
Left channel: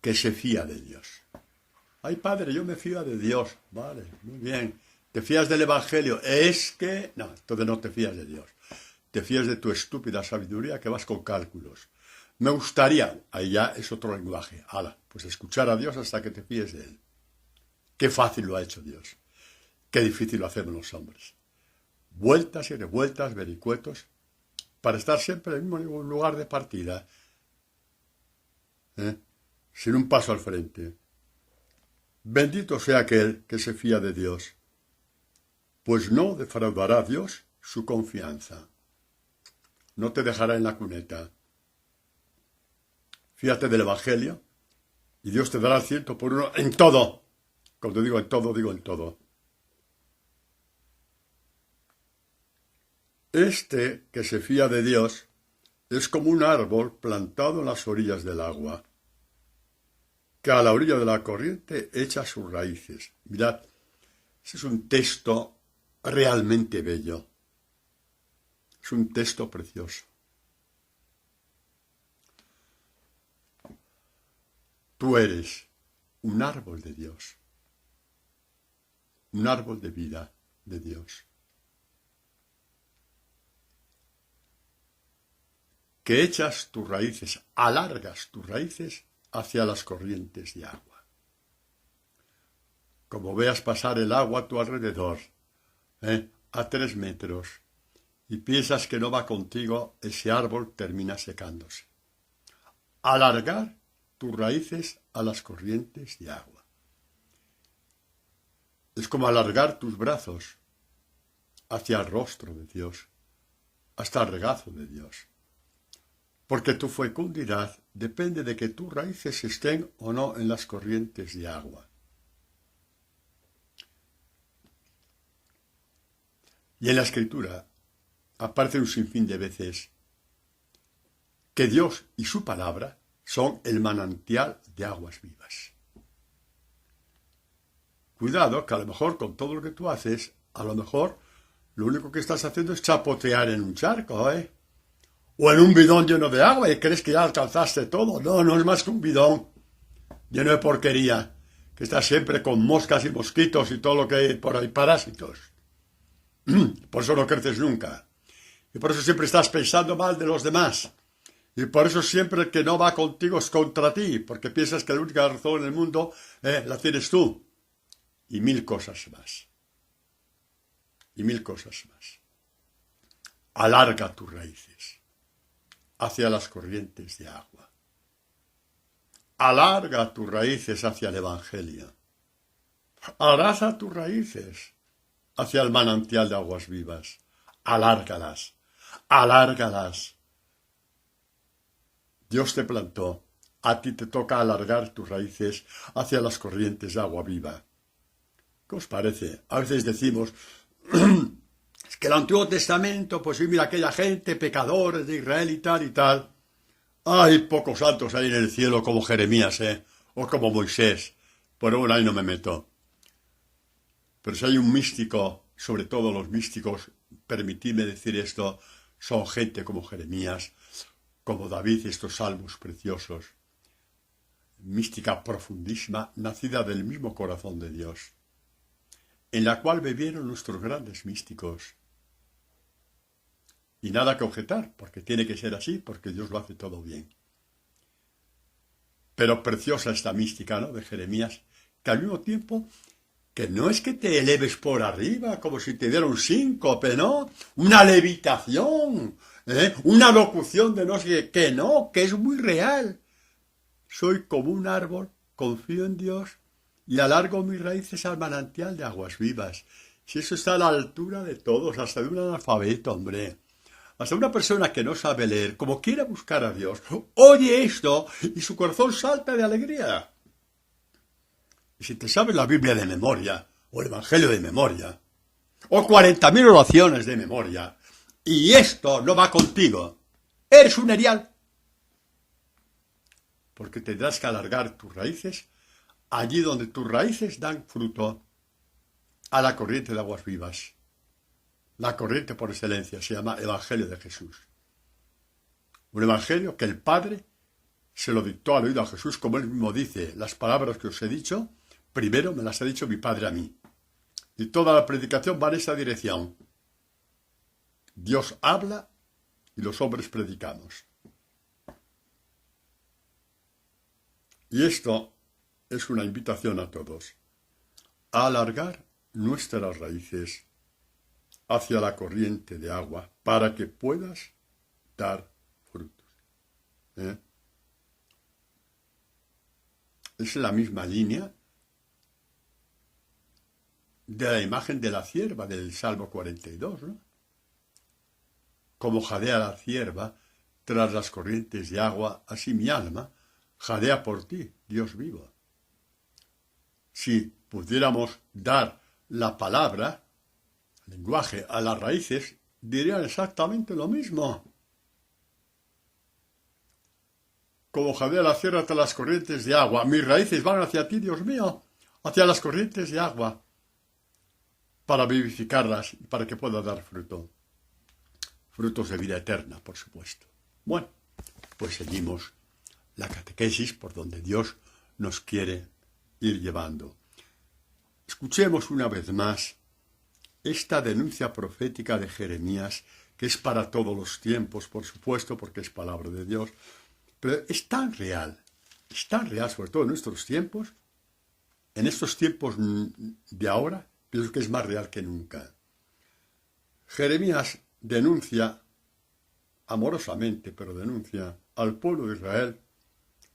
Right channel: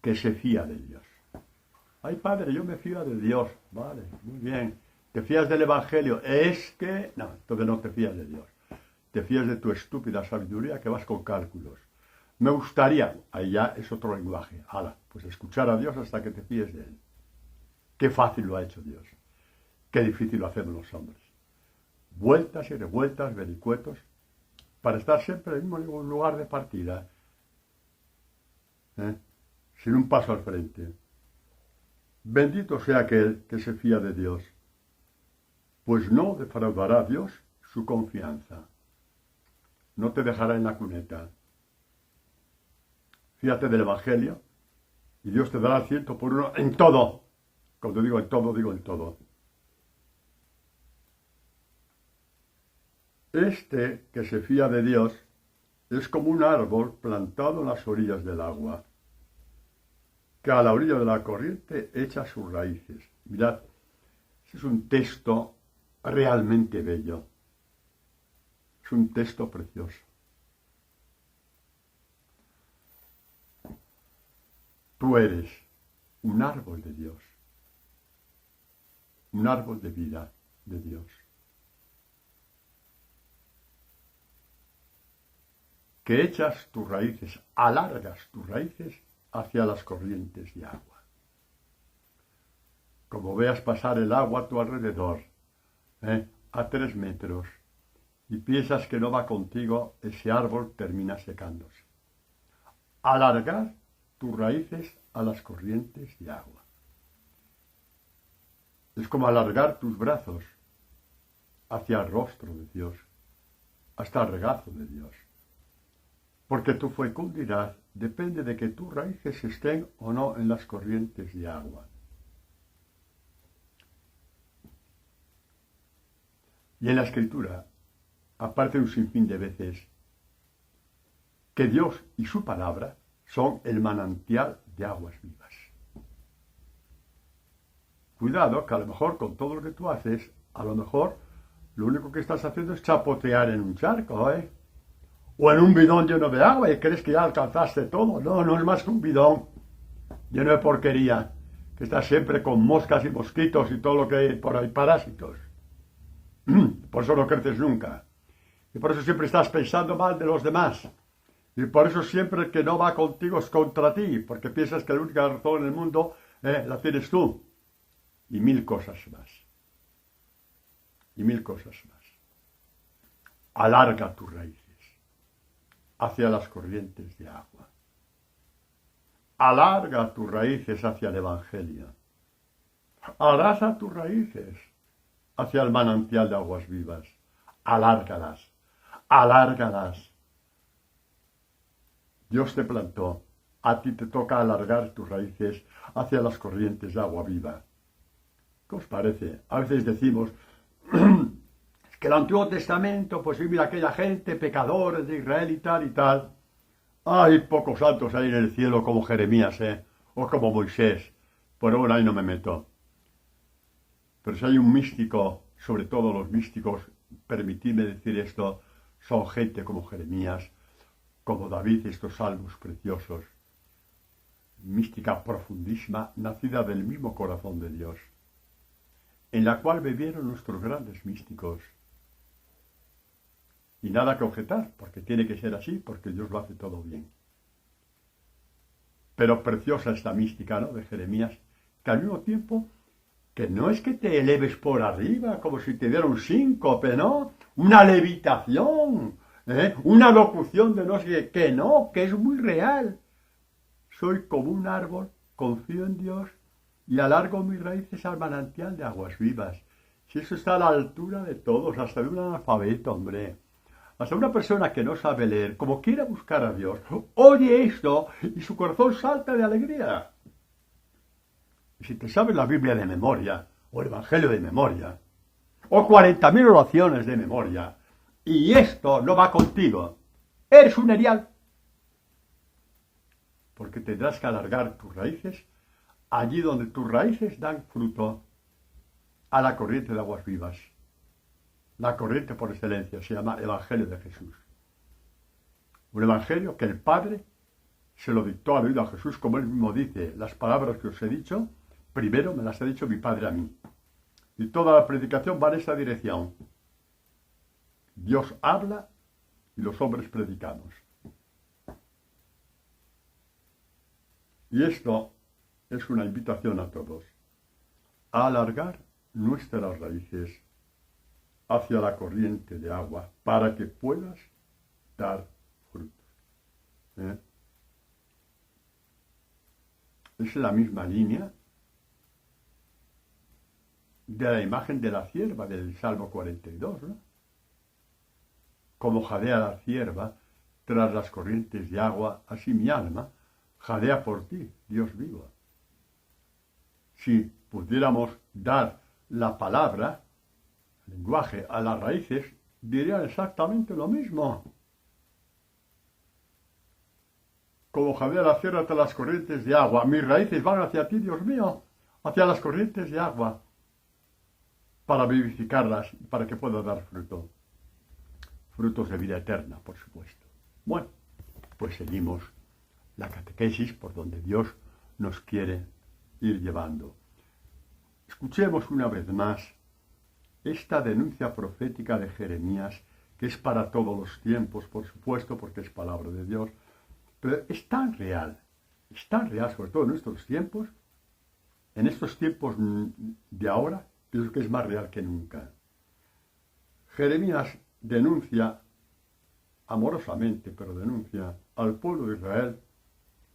que se fía de Dios? Ay, padre, yo me fío de Dios. Vale, muy bien. ¿Te fías del Evangelio? Es que... No, entonces no te fías de Dios. Te fías de tu estúpida sabiduría que vas con cálculos. Me gustaría... Ahí ya es otro lenguaje. Hala, pues escuchar a Dios hasta que te fíes de Él. Qué fácil lo ha hecho Dios. Qué difícil lo hacemos los hombres. Vueltas y revueltas, vericuetos, para estar siempre en el mismo lugar de partida. Sin un paso al frente. Bendito sea aquel que se fía de Dios, pues no defraudará a Dios su confianza. No te dejará en la cuneta. Fíjate del Evangelio y Dios te dará el 100 por 1 en todo. Cuando digo en todo, digo en todo. Este que se fía de Dios es como un árbol plantado en las orillas del agua, que a la orilla de la corriente echa sus raíces. Mirad, ese es un texto realmente bello. Es un texto precioso. Tú eres un árbol de Dios, un árbol de vida de Dios, que echas tus raíces, alargas tus raíces hacia las corrientes de agua. Como veas pasar el agua a tu alrededor, a 3 metros, y piensas que no va contigo, ese árbol termina secándose. Alargar tus raíces a las corrientes de agua. Es como alargar tus brazos hacia el rostro de Dios, hasta el regazo de Dios. Porque tu fecundidad depende de que tus raíces estén o no en las corrientes de agua. Y en la Escritura aparece un sinfín de veces que Dios y su palabra son el manantial de aguas vivas. Cuidado, que a lo mejor con todo lo que tú haces, a lo mejor lo único que estás haciendo es chapotear en un charco, o en un bidón lleno de agua y crees que ya alcanzaste todo. No, no es más que un bidón lleno de porquería, que está siempre con moscas y mosquitos y todo lo que hay por ahí, parásitos. Por eso no creces nunca. Y por eso siempre estás pensando mal de los demás. Y por eso siempre el que no va contigo es contra ti, porque piensas que la única razón en el mundo la tienes tú. Y 1000 cosas más. Y 1000 cosas más. Alarga tus raíces hacia las corrientes de agua. Alarga tus raíces hacia el Evangelio. Abraza tus raíces hacia el manantial de aguas vivas. Alárgalas. Alárgalas. Dios te plantó. A ti te toca alargar tus raíces hacia las corrientes de agua viva. ¿Qué os parece? A veces decimos, es que el Antiguo Testamento, pues sí, mira aquella gente, pecadores de Israel y tal y tal. Hay pocos santos ahí en el cielo como Jeremías, o como Moisés. Pero bueno, ahí no me meto. Pero si hay un místico, sobre todo los místicos, permitidme decir esto, son gente como Jeremías, como David, estos salmos preciosos. Mística profundísima, nacida del mismo corazón de Dios, en la cual bebieron nuestros grandes místicos. Y nada que objetar, porque tiene que ser así, porque Dios lo hace todo bien. Pero preciosa esta mística, ¿no?, de Jeremías, que al mismo tiempo que no es que te eleves por arriba, como si te diera un síncope, ¿no? Una levitación, una locución de no sé qué, no, que es muy real. Soy como un árbol, confío en Dios y alargo mis raíces al manantial de aguas vivas. Si eso está a la altura de todos, hasta de un analfabeto, hombre. Hasta una persona que no sabe leer, como quiera buscar a Dios, oye esto y su corazón salta de alegría. Y si te sabes la Biblia de memoria, o el Evangelio de memoria, o 40.000 oraciones de memoria, y esto no va contigo, eres un erial. Porque tendrás que alargar tus raíces allí donde tus raíces dan fruto a la corriente de aguas vivas. La corriente por excelencia se llama Evangelio de Jesús. Un evangelio que el Padre se lo dictó al oído a Jesús, como él mismo dice, las palabras que os he dicho, primero me las ha dicho mi Padre a mí. Y toda la predicación va en esa dirección. Dios habla y los hombres predicamos. Y esto es una invitación a todos a alargar nuestras raíces hacia la corriente de agua para que puedas dar frutos. Es la misma línea de la imagen de la cierva del Salmo 42, ¿no? Como jadea la cierva tras las corrientes de agua, así mi alma jadea por ti, Dios vivo. Si pudiéramos dar la palabra, el lenguaje, a las raíces, dirían exactamente lo mismo. Como jadea la cierva tras las corrientes de agua, mis raíces van hacia ti, Dios mío, hacia las corrientes de agua, para vivificarlas, para que pueda dar fruto. Frutos de vida eterna, por supuesto. Bueno, pues seguimos la catequesis por donde Dios nos quiere ir llevando. Escuchemos una vez más esta denuncia profética de Jeremías, que es para todos los tiempos, por supuesto, porque es palabra de Dios, pero es tan real, sobre todo en nuestros tiempos, en estos tiempos de ahora, pienso que es más real que nunca. Jeremías denuncia, amorosamente, pero denuncia al pueblo de Israel,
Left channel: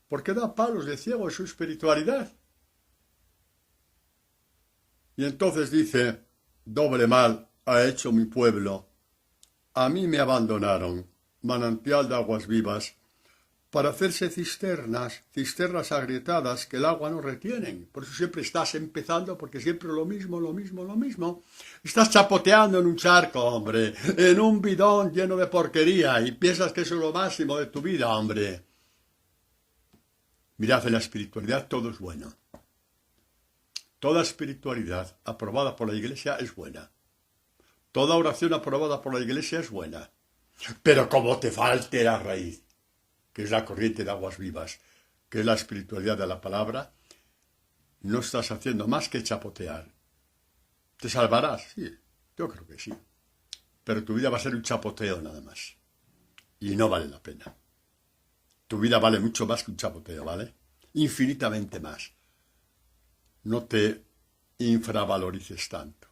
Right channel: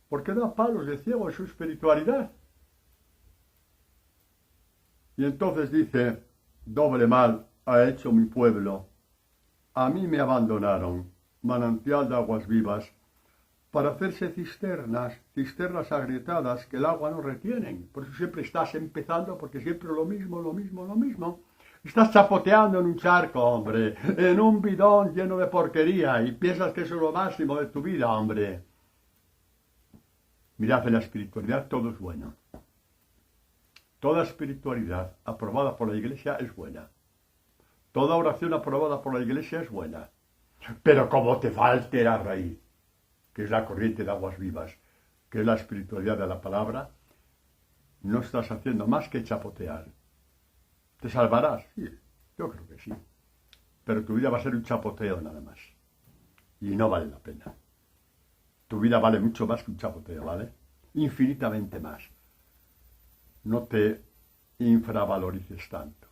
porque da palos de ciego en su espiritualidad. Y entonces dice, doble mal ha hecho mi pueblo, a mí me abandonaron, manantial de aguas vivas, para hacerse cisternas agrietadas que el agua no retienen. Por eso siempre estás empezando, porque siempre lo mismo. Estás chapoteando en un charco, hombre, en un bidón lleno de porquería, y piensas que eso es lo máximo de tu vida, hombre. Mirad, en la espiritualidad todo es bueno. Toda espiritualidad aprobada por la Iglesia es buena. Toda oración aprobada por la Iglesia es buena. Pero como te falte la raíz, que es la corriente de aguas vivas, que es la espiritualidad de la palabra, no estás haciendo más que chapotear. ¿Te salvarás? Sí, yo creo que sí. Pero tu vida va a ser un chapoteo nada más. Y no vale la pena. Tu vida vale mucho más que un chapoteo, ¿vale? Infinitamente más. No te infravalorices tanto.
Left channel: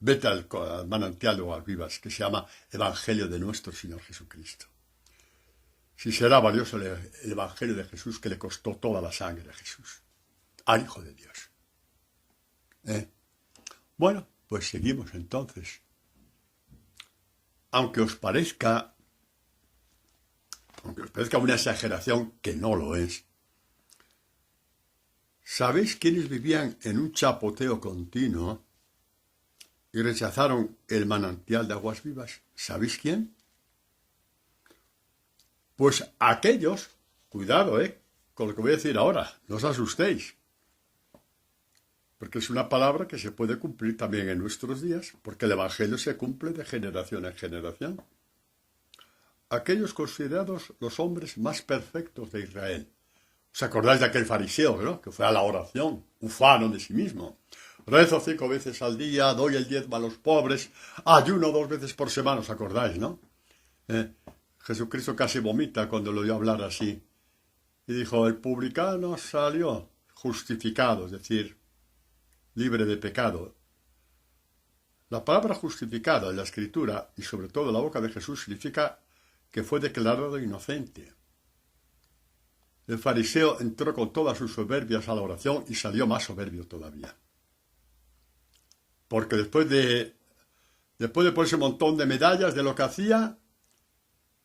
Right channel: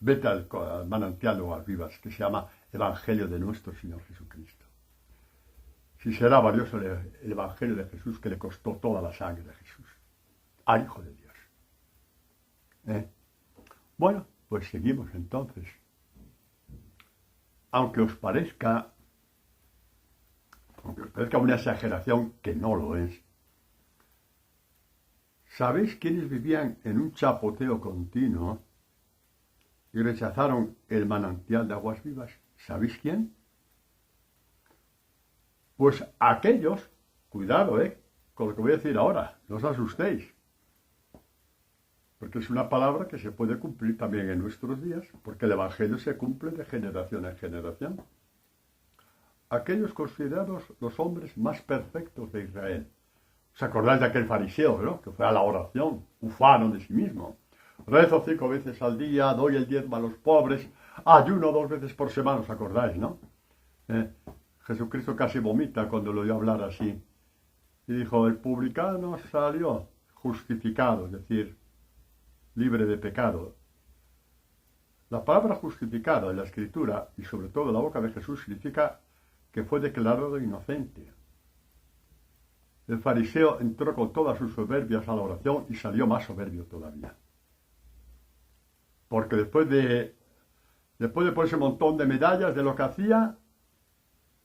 Vete al manantial de aguas vivas, que se llama Evangelio de nuestro Señor Jesucristo. Si será valioso el Evangelio de Jesús, que le costó toda la sangre de Jesús, al Hijo de Dios. Bueno, pues seguimos entonces. Aunque os parezca una exageración, que no lo es, ¿sabéis quiénes vivían en un chapoteo continuo y rechazaron el manantial de aguas vivas? ¿Sabéis quién? Pues aquellos, cuidado, con lo que voy a decir ahora, no os asustéis, porque es una palabra que se puede cumplir también en nuestros días, porque el Evangelio se cumple de generación en generación. Aquellos considerados los hombres más perfectos de Israel. ¿Os acordáis de aquel fariseo, ¿no?, que fue a la oración, ufano de sí mismo? Rezo 5 veces al día, doy el diezmo a los pobres, ayuno 2 veces por semana, ¿os acordáis, no? Jesucristo casi vomita cuando lo oyó hablar así. Y dijo, el publicano salió, justificado, es decir, libre de pecado. La palabra justificado en la Escritura, y sobre todo en la boca de Jesús, significa que fue declarado inocente. El fariseo entró con todas sus soberbias a la oración y salió más soberbio todavía. Porque después de ponerse un montón de medallas de lo que hacía,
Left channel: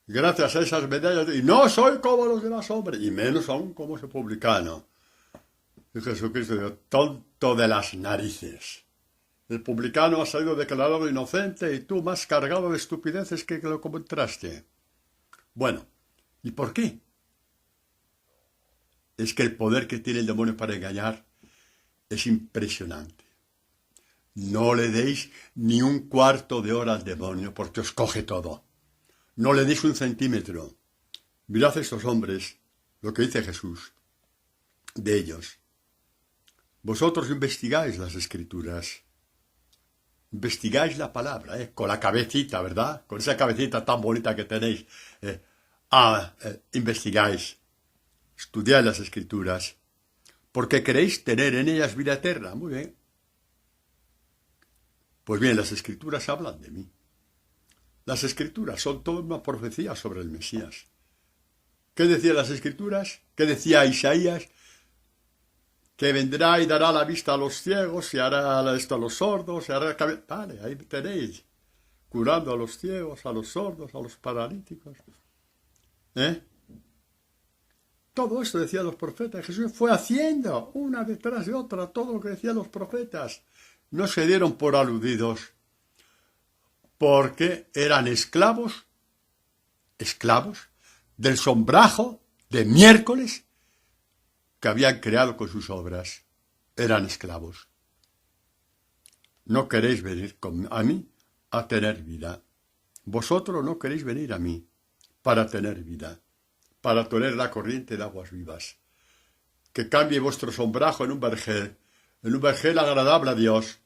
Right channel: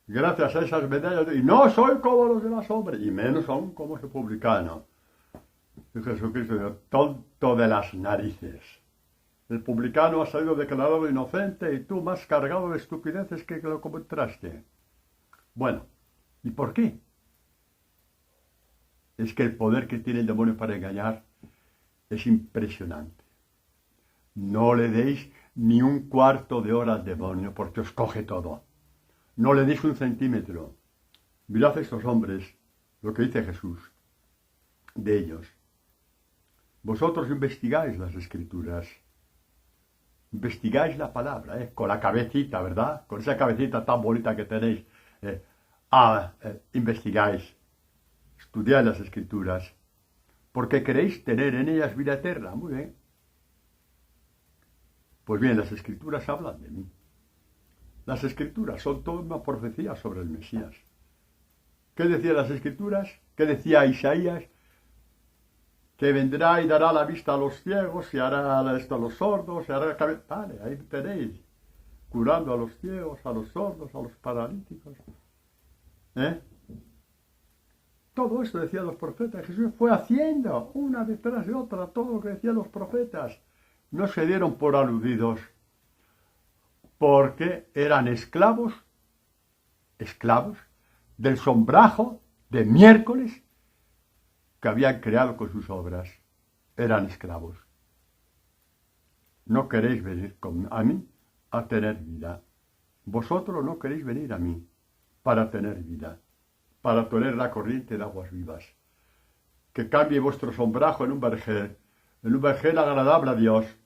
gracias a esas medallas, y no soy como los demás hombres, y menos aún como ese publicano. Y Jesucristo dijo, tonto de las narices. El publicano ha salido declarado inocente y tú más cargado de estupideces que lo encontraste. Bueno, ¿y por qué? Es que el poder que tiene el demonio para engañar es impresionante. No le deis ni un cuarto de hora al demonio porque os coge todo. No le deis un centímetro. Mirad a estos hombres, lo que dice Jesús de ellos. Vosotros investigáis las Escrituras. Investigáis la palabra, con la cabecita, ¿verdad? Con esa cabecita tan bonita que tenéis. Investigáis. Estudiad las Escrituras. Porque queréis tener en ellas vida eterna. Muy bien. Pues bien, las Escrituras hablan de mí. Las Escrituras son toda una profecía sobre el Mesías. ¿Qué decían las Escrituras? ¿Qué decía Isaías? Que vendrá y dará la vista a los ciegos, y hará esto a los sordos, y hará... Vale, ahí tenéis. Curando a los ciegos, a los sordos, a los paralíticos. Todo esto decían los profetas. Jesús fue haciendo una detrás de otra todo lo que decían los profetas. No se dieron por aludidos, porque eran esclavos del sombrajo de miércoles que habían creado con sus obras. Eran esclavos. No queréis venir a mí a tener vida. Vosotros no queréis venir a mí para tener vida, para tener la corriente de aguas vivas. Que cambie vuestro sombrajo en un vergel agradable a Dios,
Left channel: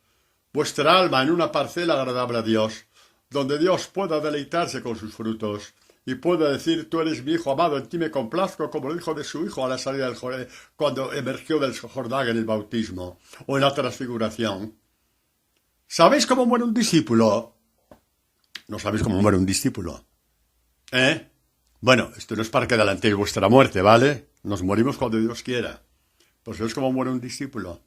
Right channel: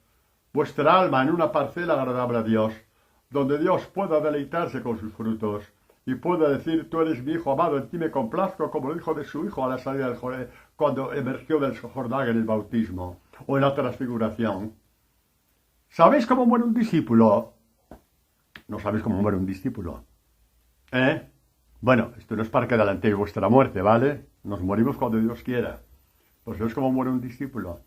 vuestra alma en una parcela agradable a Dios, donde Dios pueda deleitarse con sus frutos y pueda decir, tú eres mi hijo amado, en ti me complazco, como lo dijo de su hijo a la salida del Jordán, cuando emergió del Jordán en el bautismo o en la transfiguración. ¿Sabéis cómo muere un discípulo? No sabéis cómo muere un discípulo. Bueno, esto no es para que adelantéis vuestra muerte, ¿vale? Nos morimos cuando Dios quiera. Pues ¿sabéis cómo muere un discípulo?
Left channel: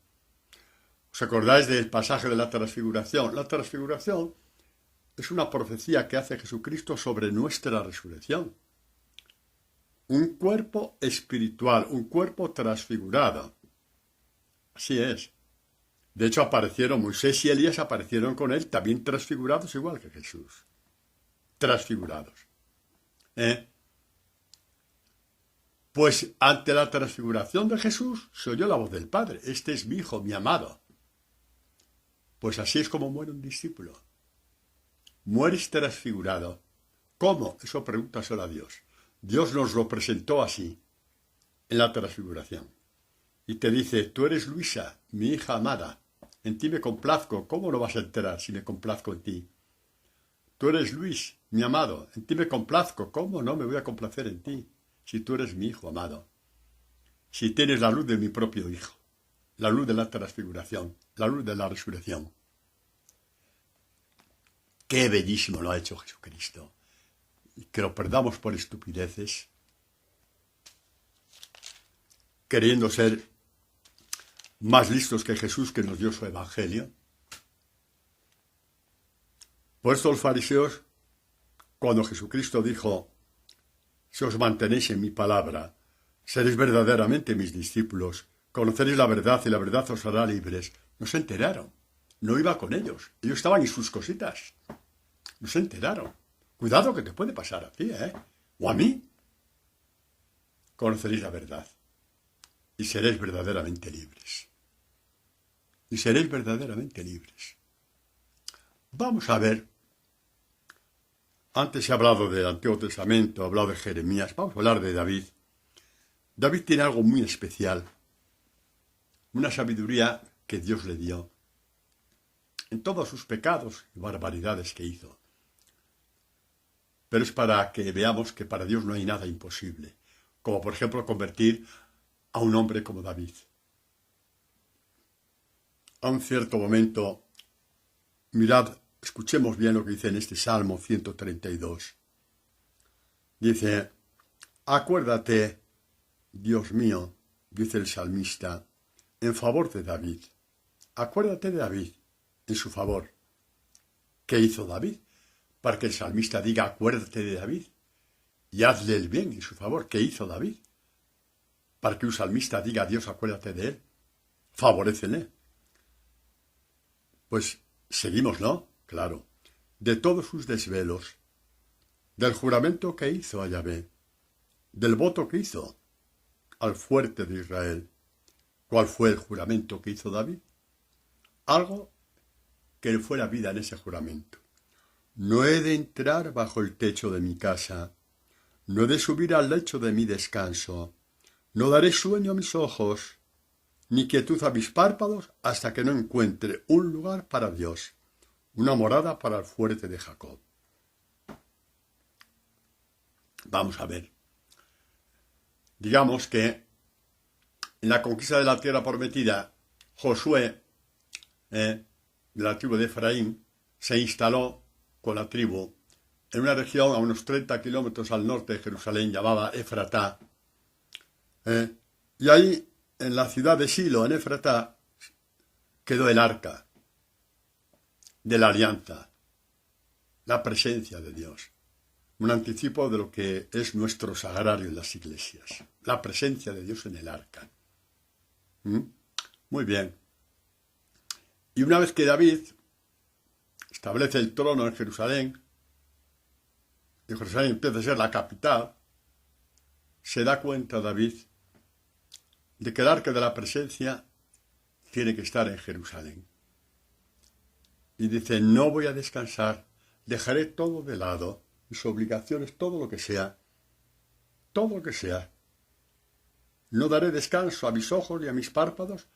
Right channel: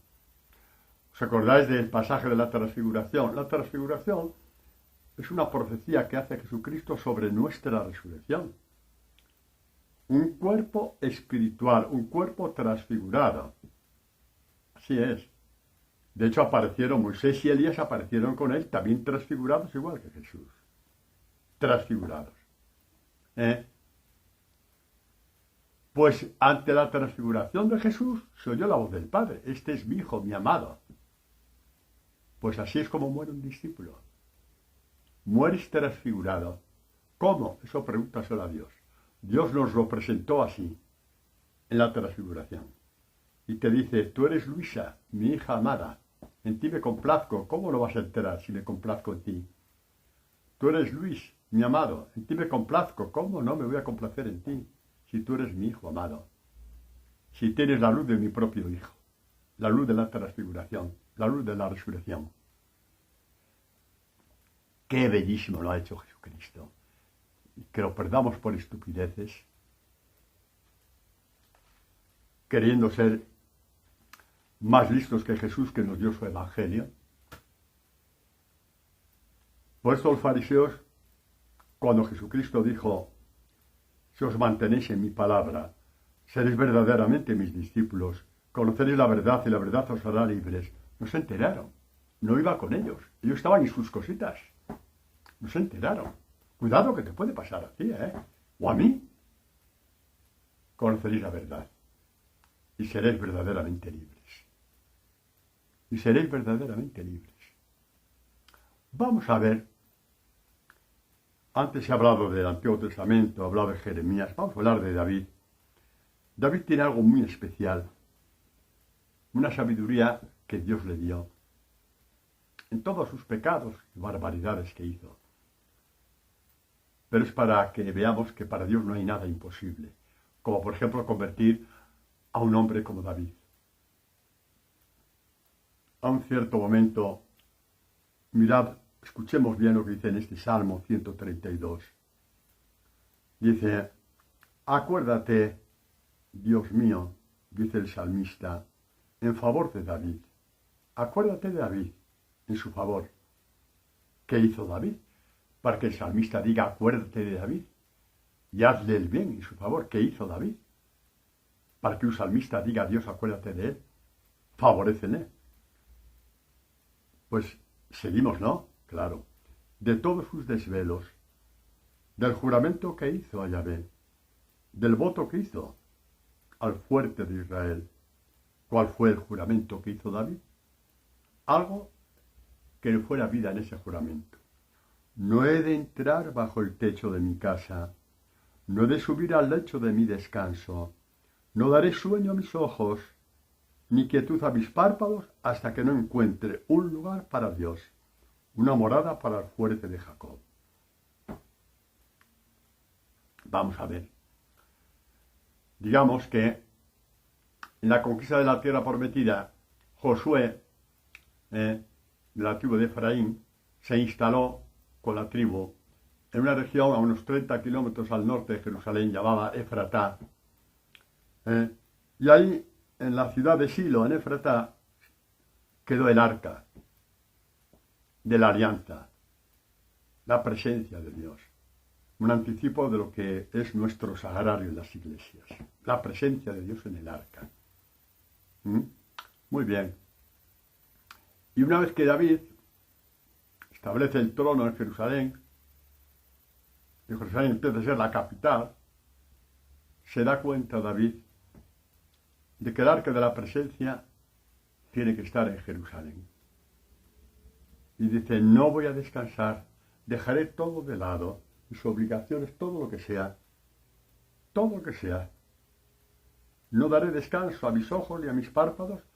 ¿Os acordáis del pasaje de la transfiguración? La transfiguración es una profecía que hace Jesucristo sobre nuestra resurrección. Un cuerpo espiritual, un cuerpo transfigurado. Así es. De hecho, aparecieron Moisés y Elías, aparecieron con él, también transfigurados igual que Jesús. Transfigurados. Pues ante la transfiguración de Jesús se oyó la voz del Padre. Este es mi Hijo, mi amado. Pues así es como muere un discípulo. Mueres transfigurado. ¿Cómo? Eso pregúntaselo a Dios. Dios nos lo presentó así, en la transfiguración. Y te dice, tú eres Luisa, mi hija amada. En ti me complazco. ¿Cómo no vas a enterar si me complazco en ti? Tú eres Luis, mi amado. En ti me complazco. ¿Cómo no me voy a complacer en ti? Si tú eres mi hijo amado, si tienes la luz de mi propio hijo, la luz de la transfiguración, la luz de la resurrección. Qué bellísimo lo ha hecho Jesucristo. Y que lo perdamos por estupideces, queriendo ser más listos que Jesús, que nos dio su evangelio. Por esto los fariseos, cuando Jesucristo dijo, si os mantenéis en mi palabra, seréis verdaderamente mis discípulos, conoceréis la verdad y la verdad os hará libres. No se enteraron, no iba con ellos, ellos estaban en sus cositas, no se enteraron. Cuidado que te puede pasar a ti, o a mí. Conoceréis la verdad y seréis verdaderamente libres. Y seréis verdaderamente libres. Vamos a ver. Antes he hablado del Antiguo Testamento, he hablado de Jeremías, vamos a hablar de David. David tiene algo muy especial, una sabiduría que Dios le dio en todos sus pecados y barbaridades que hizo. Pero es para que veamos que para Dios no hay nada imposible, como por ejemplo convertir a un hombre como David. a un cierto momento, mirad, escuchemos bien lo que dice en este Salmo 132. Dice, acuérdate, Dios mío, dice el salmista, en favor de David. Acuérdate de David, en su favor. ¿Qué hizo David? Para que el salmista diga, acuérdate de David y hazle el bien en su favor. ¿Qué hizo David? Para que un salmista diga, Dios, acuérdate de él. Favorécele. Pues seguimos, ¿no? Claro. De todos sus desvelos, del juramento que hizo a Yahvé, del voto que hizo al fuerte de Israel. ¿Cuál fue el juramento que hizo David? Algo que le fue la vida en ese juramento. No he de entrar bajo el techo de mi casa, no he de subir al lecho de mi descanso, no daré sueño a mis ojos, ni quietud a mis párpados, hasta que no encuentre un lugar para Dios, una morada para el fuerte de Jacob. Vamos a ver. Digamos que en la conquista de la tierra prometida, Josué, de la tribu de Efraín, se instaló con la tribu en una región a unos 30 kilómetros al norte de Jerusalén llamada Efratá. Y ahí, en la ciudad de Silo, en Efratá, quedó el arca de la alianza, la presencia de Dios. Un anticipo de lo que es nuestro sagrario en las iglesias. La presencia de Dios en el arca. Muy bien. Y una vez que David establece el trono en Jerusalén, y Jerusalén empieza a ser la capital, se da cuenta David de que el arca de la presencia tiene que estar en Jerusalén. Y dice, no voy a descansar, dejaré todo de lado, mis obligaciones, todo lo que sea, no daré descanso a mis ojos ni a mis párpados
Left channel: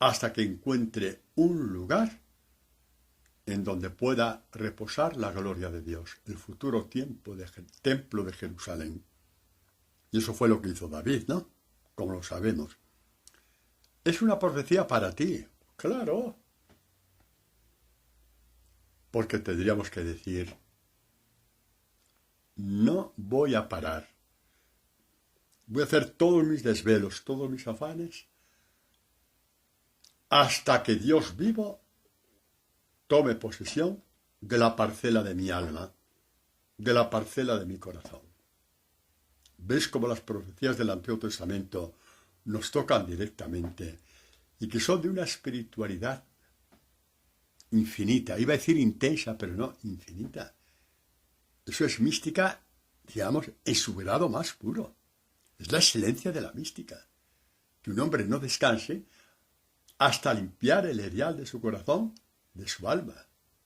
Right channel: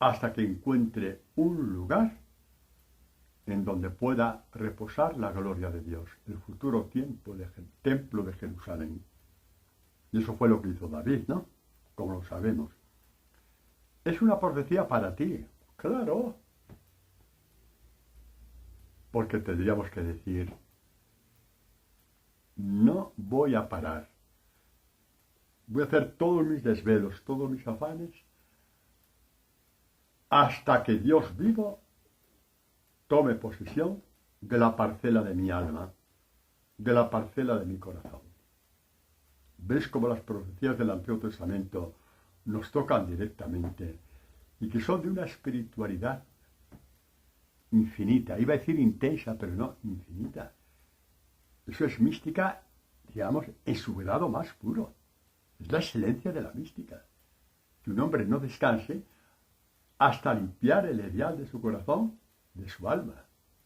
hasta que encuentre un lugar en donde pueda reposar la gloria de Dios, el futuro templo de Jerusalén. Y eso fue lo que hizo David, ¿no? Como lo sabemos. Es una profecía para ti, claro. Porque tendríamos que decir, no voy a parar. Voy a hacer todos mis desvelos, todos mis afanes, hasta que Dios vivo tome posesión de la parcela de mi alma, de la parcela de mi corazón. ¿Ves cómo las profecías del Antiguo Testamento nos tocan directamente y que son de una espiritualidad infinita? Iba a decir intensa, pero no, infinita. Eso es mística, digamos, en su grado más puro. Es la excelencia de la mística. Que un hombre no descanse hasta limpiar el erial de su corazón, de su alma,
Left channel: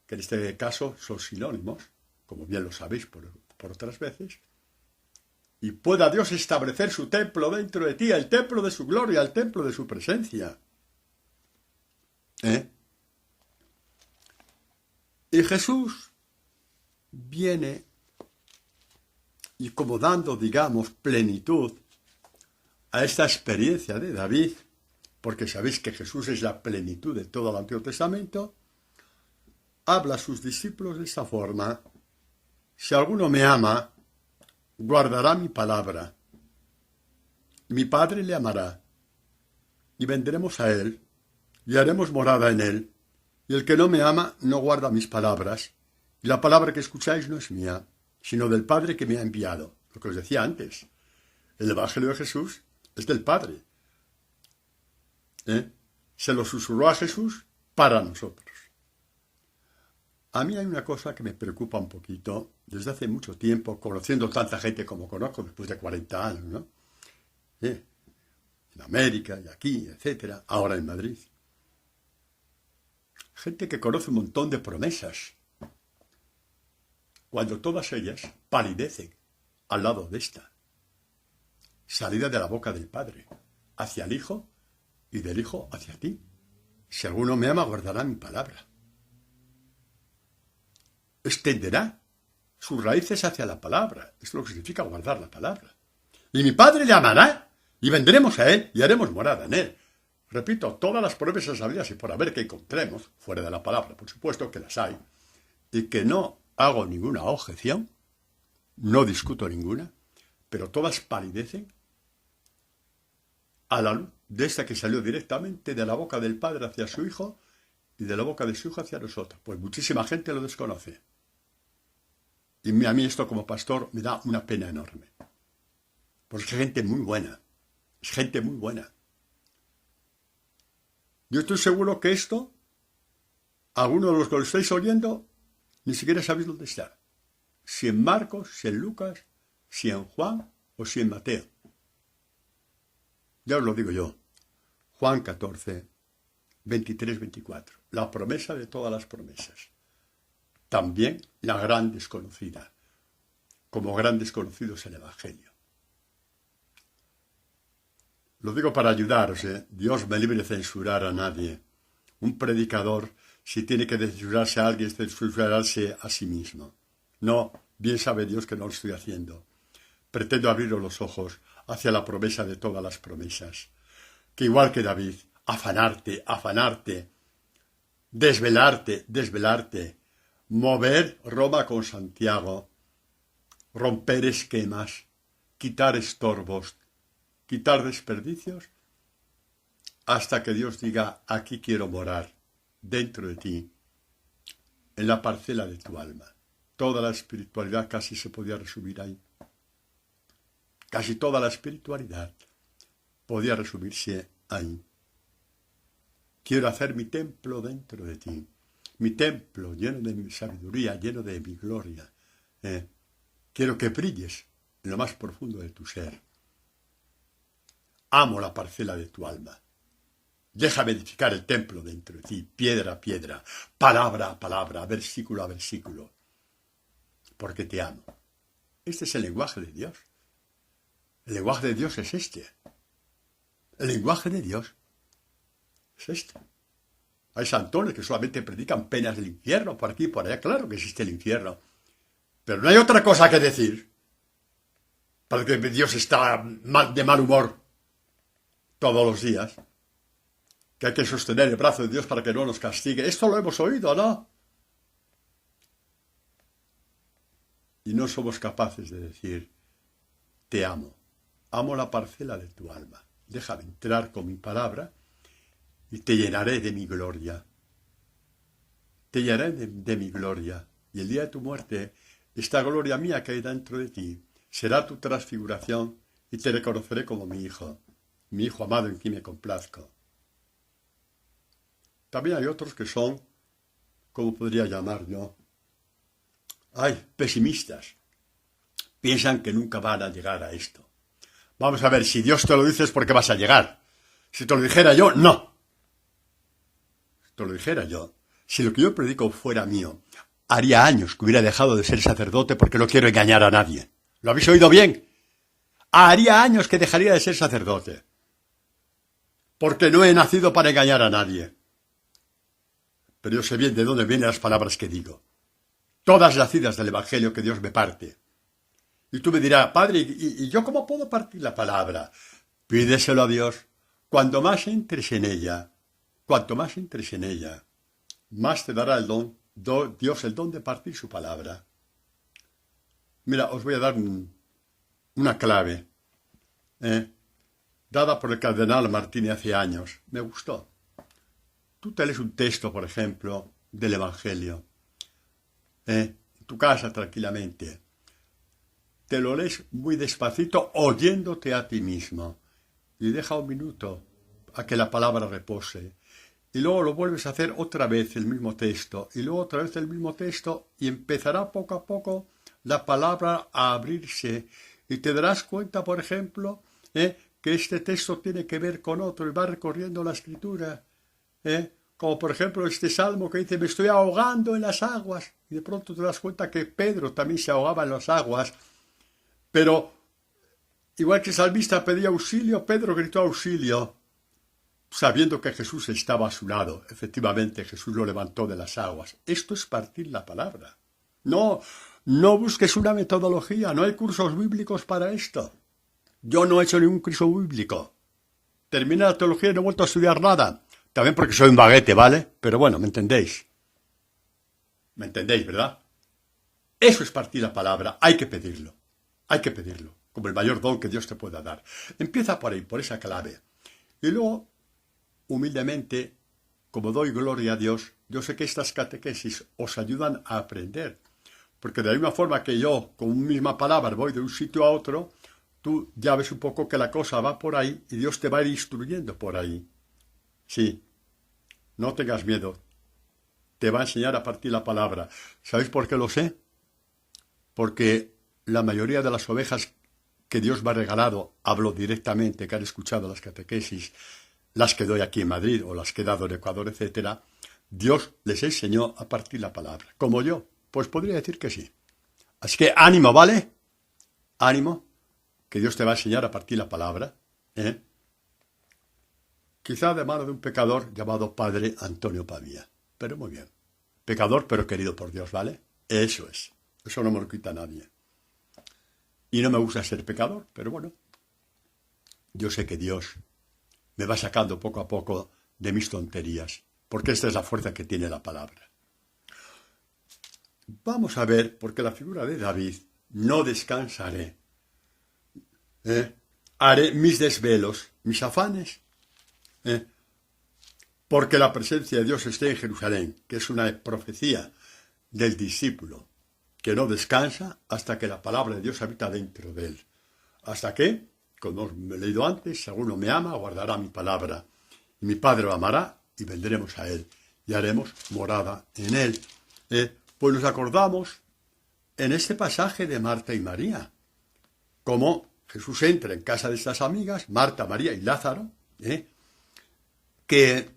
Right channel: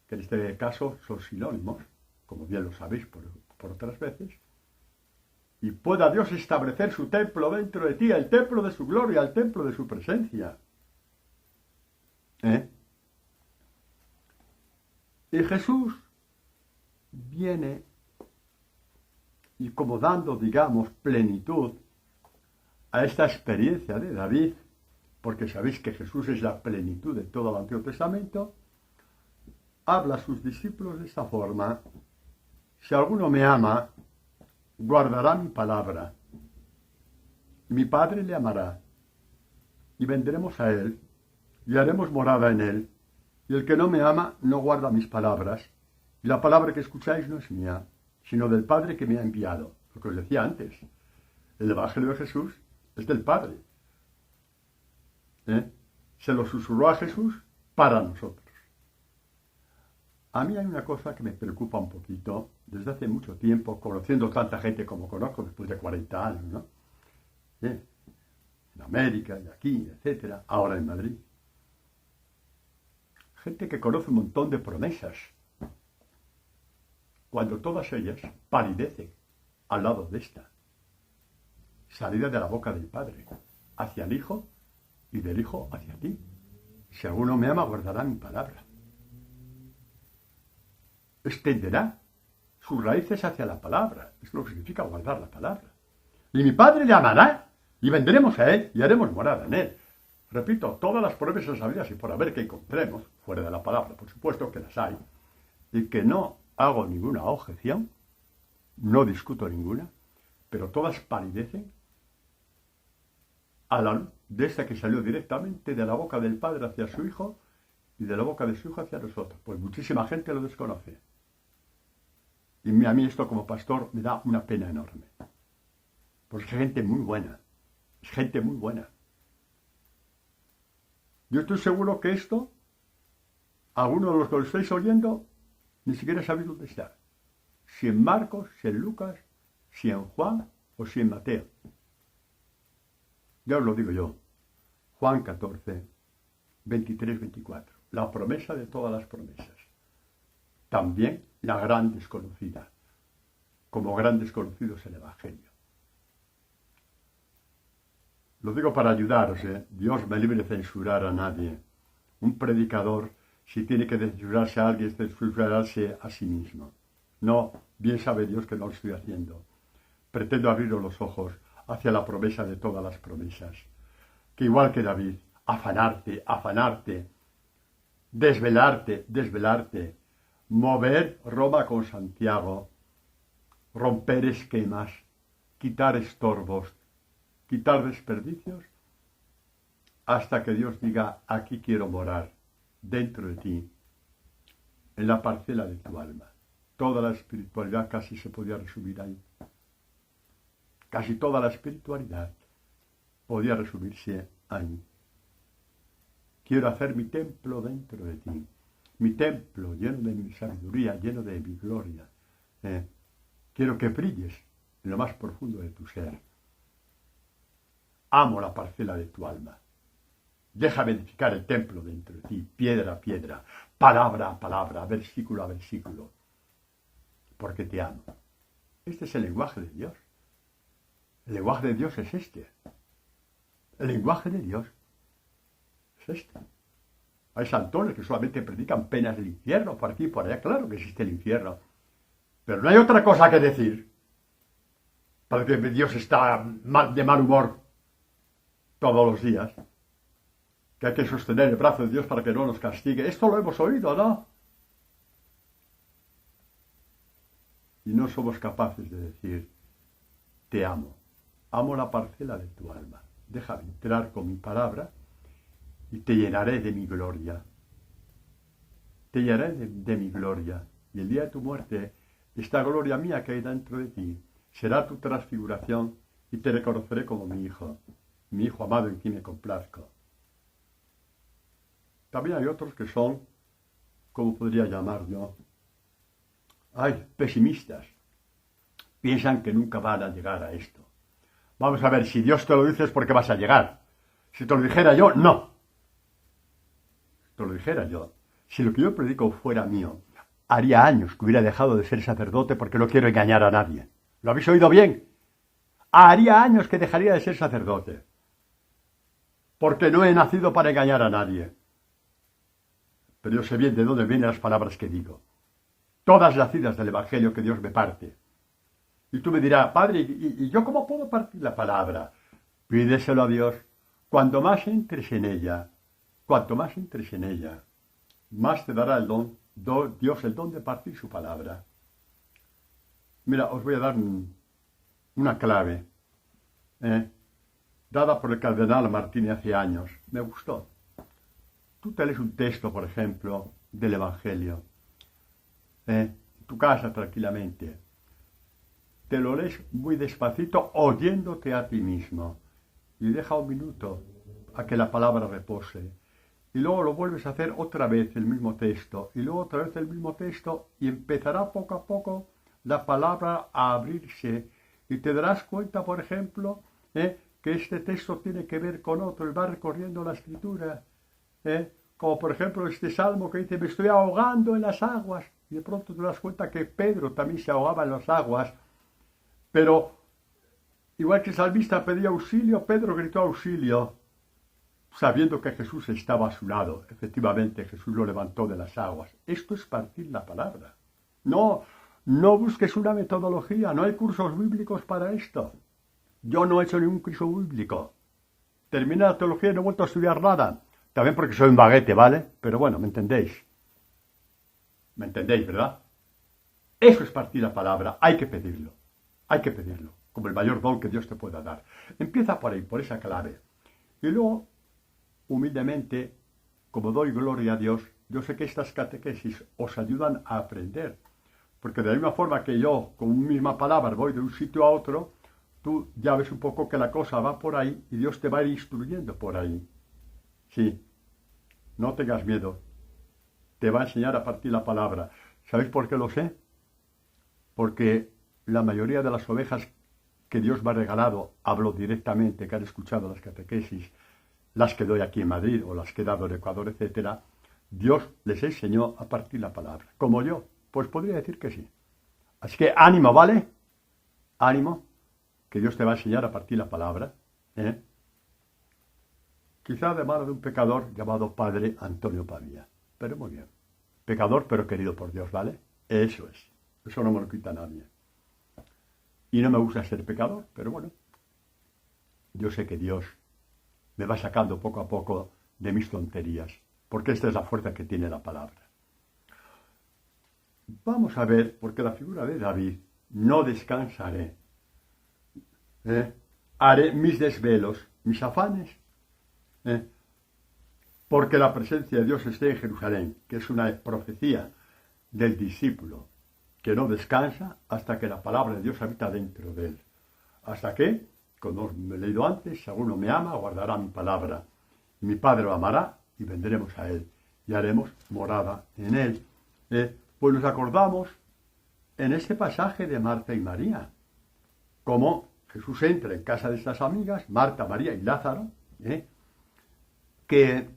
que en este caso son sinónimos, como bien lo sabéis por otras veces, y pueda Dios establecer su templo dentro de ti, el templo de su gloria, el templo de su presencia. Y Jesús viene y como dando, digamos, plenitud a esta experiencia de David, porque sabéis que Jesús es la plenitud de todo el Antiguo Testamento, habla a sus discípulos de esta forma: si alguno me ama, guardará mi palabra, y mi Padre le amará, y vendremos a él, y haremos morada en él, y el que no me ama no guarda mis palabras, y la palabra que escucháis no es mía, sino del Padre que me ha enviado. Lo que os decía antes, el Evangelio de Jesús es del Padre. Se lo susurró a Jesús para nosotros. A mí hay una cosa que me preocupa un poquito, desde hace mucho tiempo, conociendo tanta gente como conozco después de 40 años, ¿no? En América y aquí, etcétera, ahora en Madrid. Gente que conoce un montón de promesas, cuando todas ellas palidecen al lado de esta, salida de la boca del Padre, hacia el Hijo y del Hijo hacia ti. Si alguno me ama, guardará mi palabra. Extenderá sus raíces hacia la palabra. Es lo que significa guardar la palabra. Y mi Padre le amará, y vendremos a él, y haremos morada en él. Repito, todas las promesas habidas y por haber que encontremos, fuera de la palabra, por supuesto que las hay, y que no hago ninguna objeción, no discuto ninguna, pero todas palidecen a la luz de esta que salió directamente de la boca del Padre hacia su Hijo y de la boca de su Hijo hacia nosotros. Pues muchísima gente lo desconoce. Y a mí esto como pastor me da una pena enorme. Porque es gente muy buena. Es gente muy buena. Yo estoy seguro que esto, algunos de los que lo estáis oyendo, ni siquiera sabéis dónde está. Si en Marcos, si en Lucas, si en Juan o si en Mateo. Ya os lo digo yo. Juan 14, 23, 24. La promesa de todas las promesas. También la gran desconocida. Como gran desconocido es el Evangelio. Lo digo para ayudaros, ¿eh? Dios me libre de censurar a nadie. Un predicador, si tiene que censurarse a alguien, es censurarse a sí mismo. No, bien sabe Dios que no lo estoy haciendo. Pretendo abriros los ojos hacia la promesa de todas las promesas. Que igual que David, afanarte, afanarte, desvelarte, desvelarte, mover Roma con Santiago, romper esquemas, quitar estorbos, quitar desperdicios, hasta que Dios diga, aquí quiero morar, dentro de ti, en la parcela de tu alma. Toda la espiritualidad casi se podía resumir ahí. Casi toda la espiritualidad podía resumirse ahí. Quiero hacer mi templo dentro de ti. Mi templo lleno de mi sabiduría, lleno de mi gloria. Quiero que brilles en lo más profundo de tu ser. Amo la parcela de tu alma. Déjame edificar el templo dentro de ti, piedra a piedra, palabra a palabra, versículo a versículo. Porque te amo. Este es el lenguaje de Dios. El lenguaje de Dios es este. El lenguaje de Dios es este. Hay santones que solamente predican penas del infierno, por aquí y por allá. Claro que existe el infierno. Pero no hay otra cosa que decir. Para que Dios está de mal humor todos los días. Que hay que sostener el brazo de Dios para que no nos castigue. Esto lo hemos oído, ¿no? Y no somos capaces de decir, te amo. Amo la parcela de tu alma. Déjame entrar con mi palabra y te llenaré de mi gloria. Te llenaré de mi gloria. Y el día de tu muerte, esta gloria mía que hay dentro de ti, será tu transfiguración y te reconoceré como mi hijo amado en quien me complazco. También hay otros que son, ¿cómo podría llamar yo? Pesimistas. Piensan que nunca van a llegar a esto. Vamos a ver, si Dios te lo dice es porque vas a llegar. Si te lo dijera yo, no. Si te lo dijera yo, si lo que yo predico fuera mío, haría años que hubiera dejado de ser sacerdote porque no quiero engañar a nadie. ¿Lo habéis oído bien? Haría años que dejaría de ser sacerdote. Porque no he nacido para engañar a nadie. Pero yo sé bien de dónde vienen las palabras que digo. Todas nacidas del Evangelio que Dios me parte. Y tú me dirás, Padre, ¿y yo cómo puedo partir la palabra? Pídeselo a Dios. Cuanto más entres en ella, más te dará Dios el don de partir su palabra. Mira, os voy a dar una clave, dada por el cardenal Martini hace años. Me gustó. Tú te lees un texto, por ejemplo, del Evangelio, en tu casa tranquilamente. Te lo lees muy despacito, oyéndote a ti mismo. Y deja un minuto a que la palabra repose. Y luego lo vuelves a hacer otra vez el mismo texto. Y luego otra vez el mismo texto. Y empezará poco a poco la palabra a abrirse. Y te darás cuenta, por ejemplo, que este texto tiene que ver con otro. Y va recorriendo la escritura. Como por ejemplo este salmo que dice, me estoy ahogando en las aguas. Y de pronto te das cuenta que Pedro también se ahogaba en las aguas. Pero, igual que el salmista pedía auxilio, Pedro gritó auxilio, sabiendo que Jesús estaba a su lado. Efectivamente, Jesús lo levantó de las aguas. Esto es partir la palabra. No busques una metodología, no hay cursos bíblicos para esto. Yo no he hecho ningún curso bíblico. terminé la teología y no he vuelto a estudiar nada. También porque soy un baguete, ¿vale? Pero bueno, ¿me entendéis? ¿Me entendéis, verdad? Eso es partir la palabra. Hay que pedirlo. Hay que pedirlo. Como el mayor don que Dios te pueda dar. Empieza por ahí, por esa clave. Y luego, humildemente, como doy gloria a Dios, yo sé que estas catequesis os ayudan a aprender. Porque de la misma forma que yo, con una misma palabra, voy de un sitio a otro, tú ya ves un poco que la cosa va por ahí y Dios te va a ir instruyendo por ahí. Sí, no tengas miedo. Te va a enseñar a partir la palabra. ¿Sabéis por qué lo sé? Porque la mayoría de las ovejas que Dios me ha regalado, hablo directamente, que han escuchado las catequesis, las que doy aquí en Madrid o las que he dado en Ecuador, etcétera, Dios les enseñó a partir la palabra. Como yo, pues podría decir que sí. Así que ánimo, ¿vale? Ánimo, que Dios te va a enseñar a partir la palabra. Quizá de mano de un pecador llamado Padre Antonio Pavía. Pero muy bien. Pecador, pero querido por Dios, ¿vale? Eso es. Eso no me lo quita nadie. Y no me gusta ser pecador, pero bueno. Yo sé que Dios me va sacando poco a poco de mis tonterías, porque esta es la fuerza que tiene la palabra. Vamos a ver, porque la figura de David, no descansaré. Haré mis desvelos, mis afanes, porque la presencia de Dios esté en Jerusalén, que es una profecía del discípulo, que no descansa hasta que la palabra de Dios habita dentro de él. Hasta que, como he leído antes, si alguno me ama, guardará mi palabra. Y mi Padre lo amará y vendremos a él y haremos morada en él. Pues nos acordamos en este pasaje de Marta y María, como Jesús entra en casa de estas amigas, Marta, María y Lázaro, que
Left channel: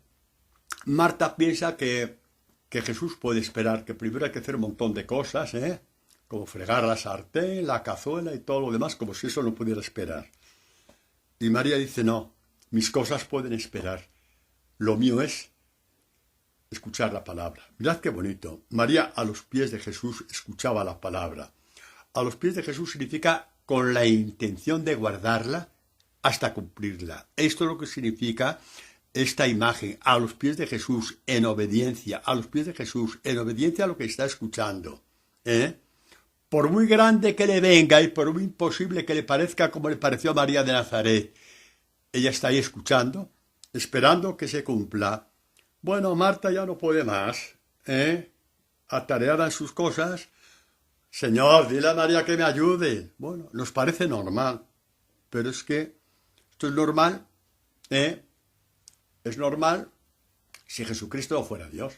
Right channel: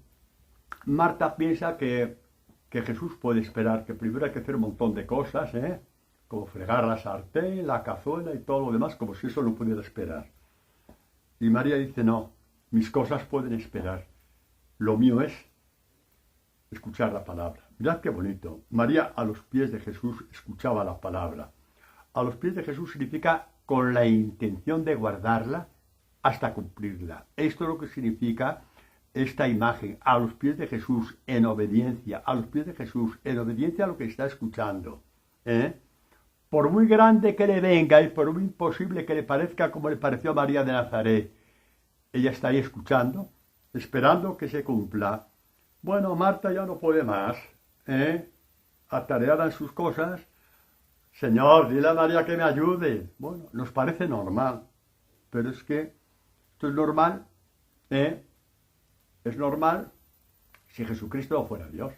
Marta piensa que Jesús puede esperar, que primero hay que hacer un montón de cosas, como fregar la sartén, la cazuela y todo lo demás, como si eso no pudiera esperar. Y María dice, no, mis cosas pueden esperar. Lo mío es escuchar la palabra. Mirad qué bonito. María a los pies de Jesús escuchaba la palabra. A los pies de Jesús significa con la intención de guardarla hasta cumplirla. Esto es lo que significa esta imagen, a los pies de Jesús, en obediencia, a los pies de Jesús, en obediencia a lo que está escuchando. Por muy grande que le venga y por muy imposible que le parezca como le pareció a María de Nazaret, ella está ahí escuchando, esperando que se cumpla. Bueno, Marta ya no puede más, atareada en sus cosas. Señor, dile a María que me ayude. Bueno, nos parece normal, pero es que esto es normal, Es normal si Jesucristo no fuera Dios.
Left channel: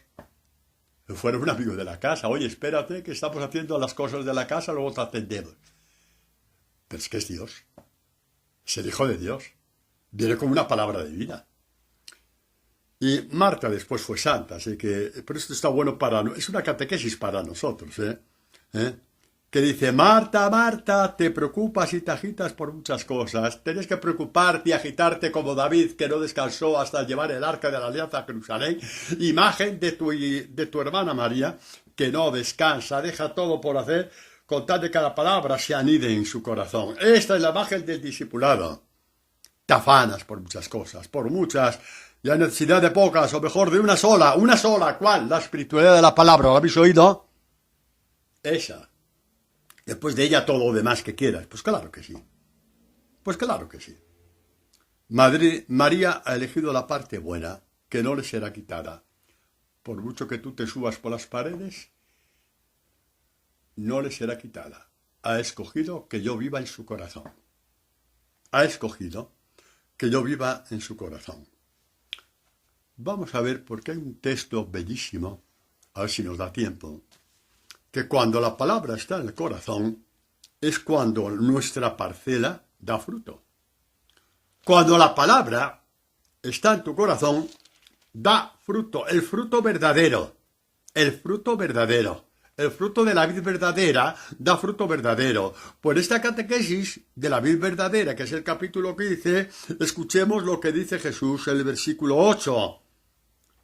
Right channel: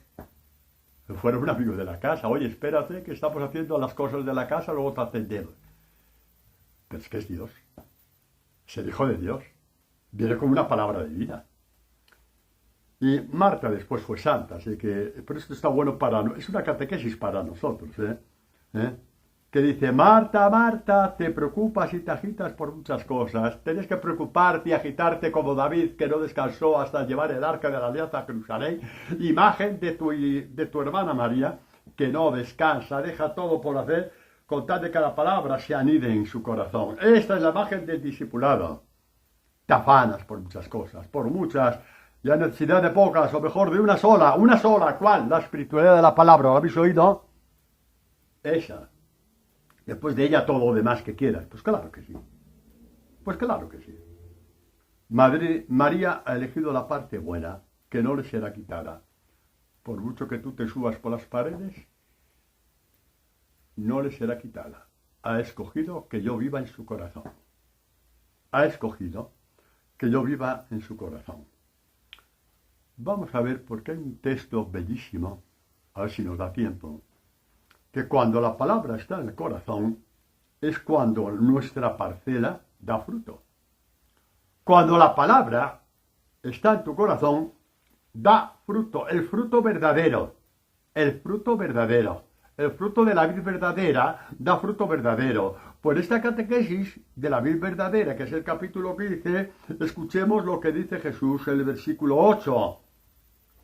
No fuera un amigo de la casa. Oye, espérate, que estamos haciendo las cosas de la casa, luego te atendemos. Pero es que es Dios. Es el Hijo de Dios. Viene con una palabra de vida. Y Marta después fue santa, así que por esto está bueno es una catequesis para nosotros, que dice, Marta, Marta, te preocupas y te agitas por muchas cosas. Tienes que preocuparte y agitarte como David, que no descansó hasta llevar el arca de la alianza a Jerusalén. Imagen de tu hermana María, que no descansa, deja todo por hacer, con tal de que la palabra se anide en su corazón. Esta es la imagen del discipulado. Te afanas por muchas cosas, por muchas, y hay necesidad de pocas, o mejor de una sola. ¿Cuál? La espiritualidad de la palabra, ¿lo habéis oído? Esa. Después de ella todo lo demás que quieras. Pues claro que sí. Pues claro que sí. María ha elegido la parte buena, que no le será quitada. Por mucho que tú te subas por las paredes, no le será quitada. Ha escogido que yo viva en su corazón. Ha escogido que yo viva en su corazón. Vamos a ver, porque hay un texto bellísimo, a ver si nos da tiempo, que cuando la palabra está en el corazón, es cuando nuestra parcela da fruto. Cuando la palabra está en tu corazón, da fruto, el fruto verdadero, el fruto verdadero. El fruto de la vid verdadera da fruto verdadero. Por esta catequesis de la vid verdadera, que es el capítulo 15, escuchemos lo que dice Jesús en el versículo 8.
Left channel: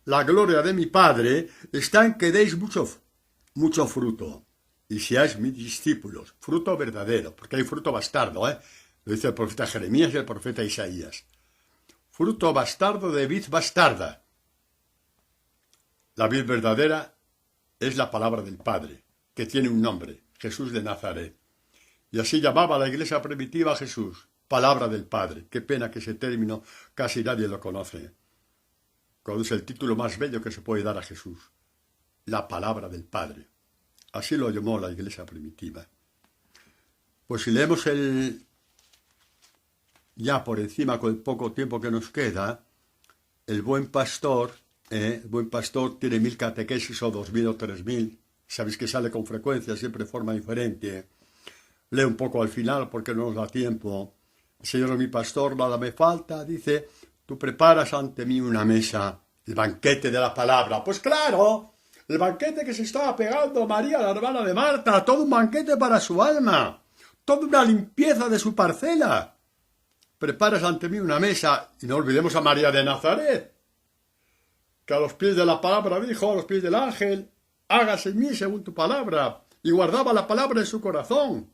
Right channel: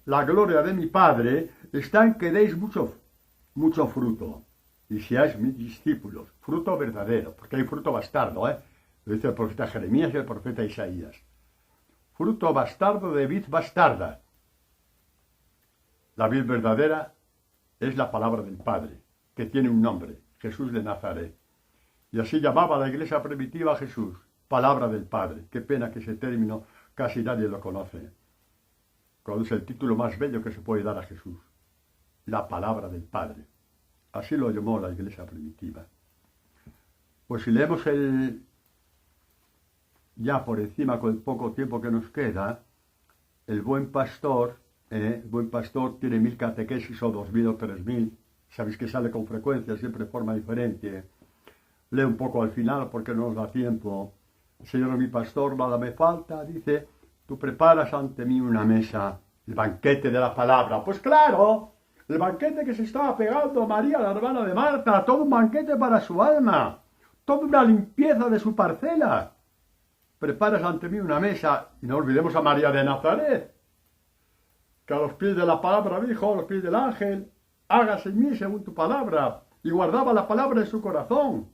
La gloria de mi Padre está en que deis mucho fruto y seáis mis discípulos. Fruto verdadero, porque hay fruto bastardo, Lo dice el profeta Jeremías y el profeta Isaías. fruto bastardo de vid bastarda. La vid verdadera es la palabra del Padre, que tiene un nombre, Jesús de Nazaret. Y así llamaba la iglesia primitiva a Jesús, palabra del Padre. Qué pena que ese término casi nadie lo conoce, cuando es el título más bello que se puede dar a Jesús, la palabra del Padre. Así lo llamó la iglesia primitiva. Pues si leemos ya por encima con el poco tiempo que nos queda, el buen pastor tiene 1000 catequesis o 2000 o 3000. Sabéis que sale con frecuencia, siempre de forma diferente. Lee un poco al final porque no nos da tiempo. El Señor es mi pastor, nada me falta. Dice, tú preparas ante mí una mesa, el banquete de la palabra. Pues claro, el banquete que se estaba pegando María, la hermana de Marta, todo un banquete para su alma, toda una limpieza de su parcela. Preparas ante mí una mesa, y no olvidemos a María de Nazaret, que a los pies de la palabra dijo, a los pies del ángel, hágase en mí según tu palabra, y guardaba la palabra en su corazón.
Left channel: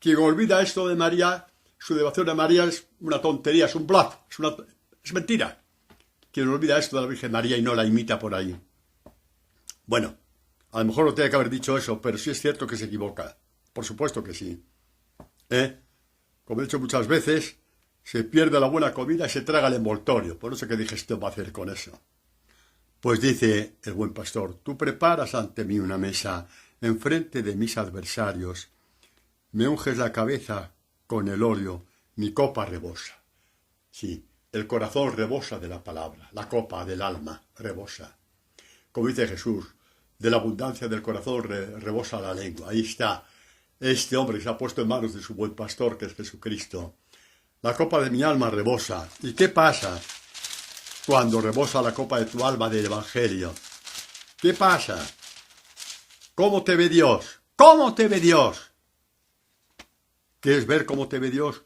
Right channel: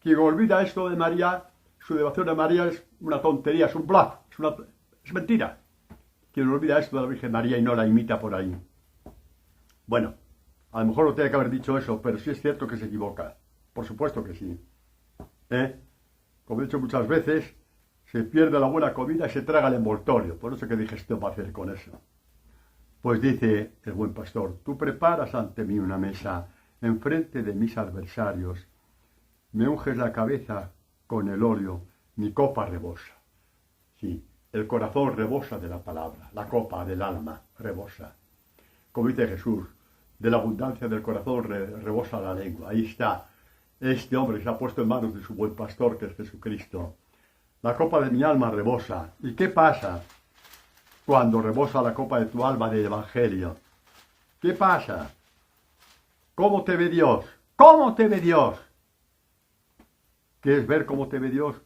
Quien olvida esto de María, su devoción a María es una tontería, es un bluff, es mentira. Quien olvida esto de la Virgen María y no la imita por ahí. Bueno, a lo mejor no tiene que haber dicho eso, pero sí es cierto que se equivoca. Por supuesto que sí. Como he dicho muchas veces, se pierde la buena comida y se traga el envoltorio. Por eso que dije, esto va a hacer con eso. Pues dice el buen pastor, tú preparas ante mí una mesa enfrente de mis adversarios, me unges la cabeza con el óleo, mi copa rebosa. Sí, el corazón rebosa de la palabra, la copa del alma rebosa. Como dice Jesús, de la abundancia del corazón rebosa la lengua. Ahí está este hombre que se ha puesto en manos de su buen pastor, que es Jesucristo. La copa de mi alma rebosa. ¿Y qué pasa cuando rebosa la copa de tu alma del Evangelio? ¿Qué pasa? ¿Cómo te ve Dios? ¿Cómo te ve Dios? ¿Quieres ver cómo te ve Dios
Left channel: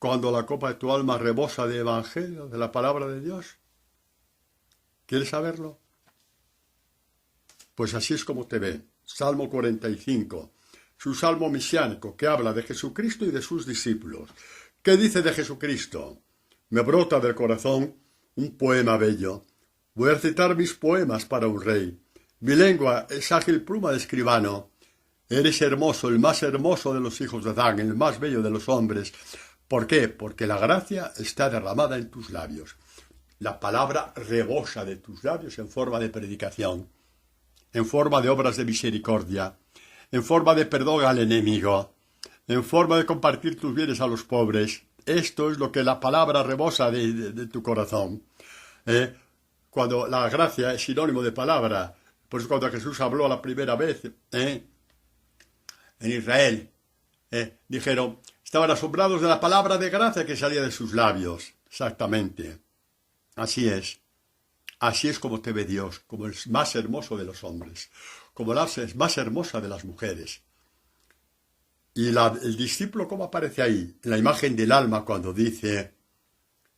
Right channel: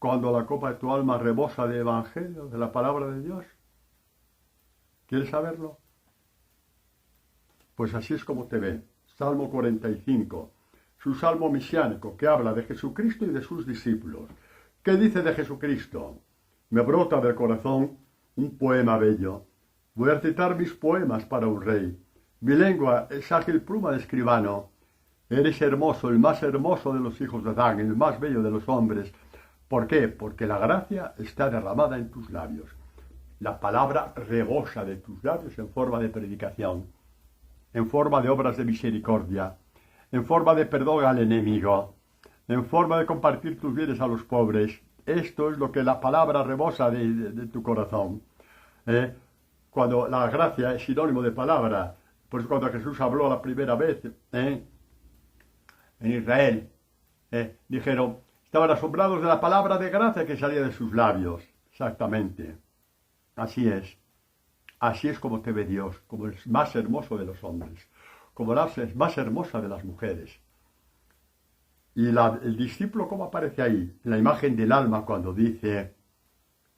cuando la copa de tu alma rebosa de Evangelio, de la palabra de Dios? ¿Quieres saberlo? Pues así es como te ve. Salmo 45. Su salmo mesiánico que habla de Jesucristo y de sus discípulos. ¿Qué dice de Jesucristo? Me brota del corazón un poema bello. Voy a citar mis poemas para un rey. Mi lengua es ágil pluma de escribano. Eres hermoso, el más hermoso de los hijos de Adán, el más bello de los hombres. ¿Por qué? Porque la gracia está derramada en tus labios. La palabra rebosa de tus labios en forma de predicación, en forma de obras de misericordia, en forma de perdón al enemigo, en forma de compartir tus bienes a los pobres. Esto es lo que la palabra rebosa de tu corazón. Cuando la gracia es sinónimo de palabra, por eso cuando Jesús habló la primera vez en Israel, dijeron, estaban asombrados de la palabra de gracia que salía de sus labios. Exactamente. Así es. Así es como te ve Dios, como el más hermoso de los hombres, como la más hermosa de las mujeres. Y el discípulo, ¿cómo aparece ahí? En la imagen del alma cuando dice,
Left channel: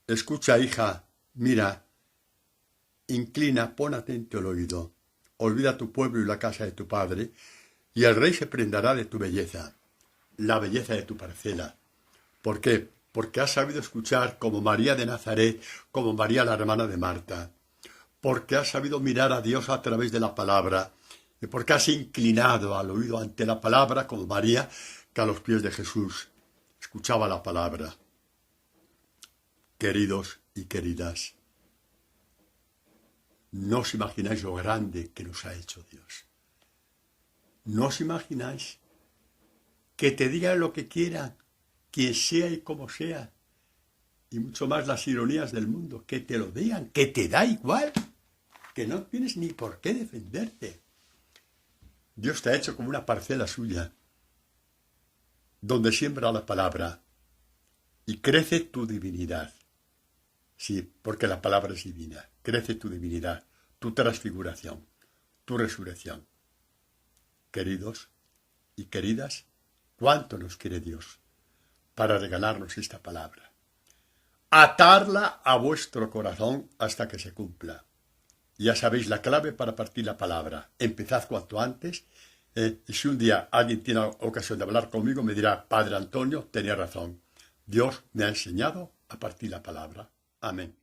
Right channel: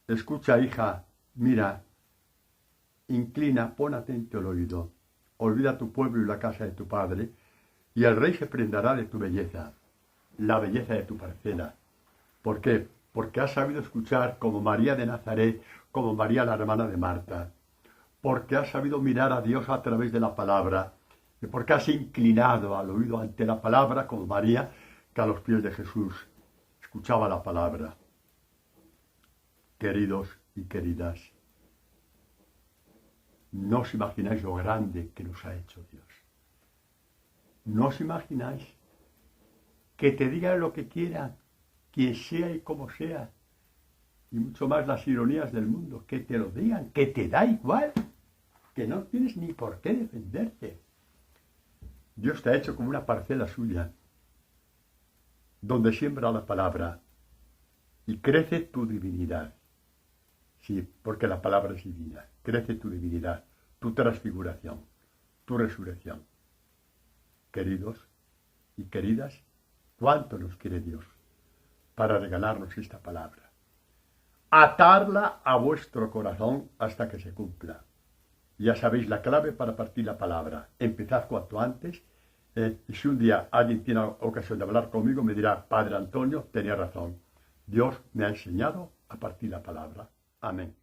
escucha hija, mira, inclina, pon atento el oído, olvida tu pueblo y la casa de tu padre, y el rey se prendará de tu belleza, la belleza de tu parcela. ¿Por qué? Porque has sabido escuchar como María de Nazaret, como María la hermana de Marta. Porque has sabido mirar a Dios a través de la palabra. Y porque has inclinado al oído ante la palabra como María, que a los pies de Jesús escuchaba la palabra. Queridos y queridas, no os imagináis lo grande que nos ha hecho Dios. No os imagináis que te digan lo que quieran, quien sea y como sea, y mucho más las ironías del mundo, que te lo digan, que te da igual, que no tienes ni por qué defenderte. Dios te ha hecho como una parcela suya, donde siembra la palabra, y crece tu divinidad. Sí, porque la palabra es divina. Crece tu divinidad, tu transfiguración, tu resurrección. Queridos y queridas, ¿cuánto nos quiere Dios para regalarnos esta palabra? Atarla a vuestro corazón hasta que se cumpla. Ya sabéis la clave para partir la palabra. Empezad cuanto antes. Y si un día alguien tiene ocasión de hablar conmigo, me dirá, Padre Antonio, tenía razón. Dios me ha enseñado a partir la palabra. Amén.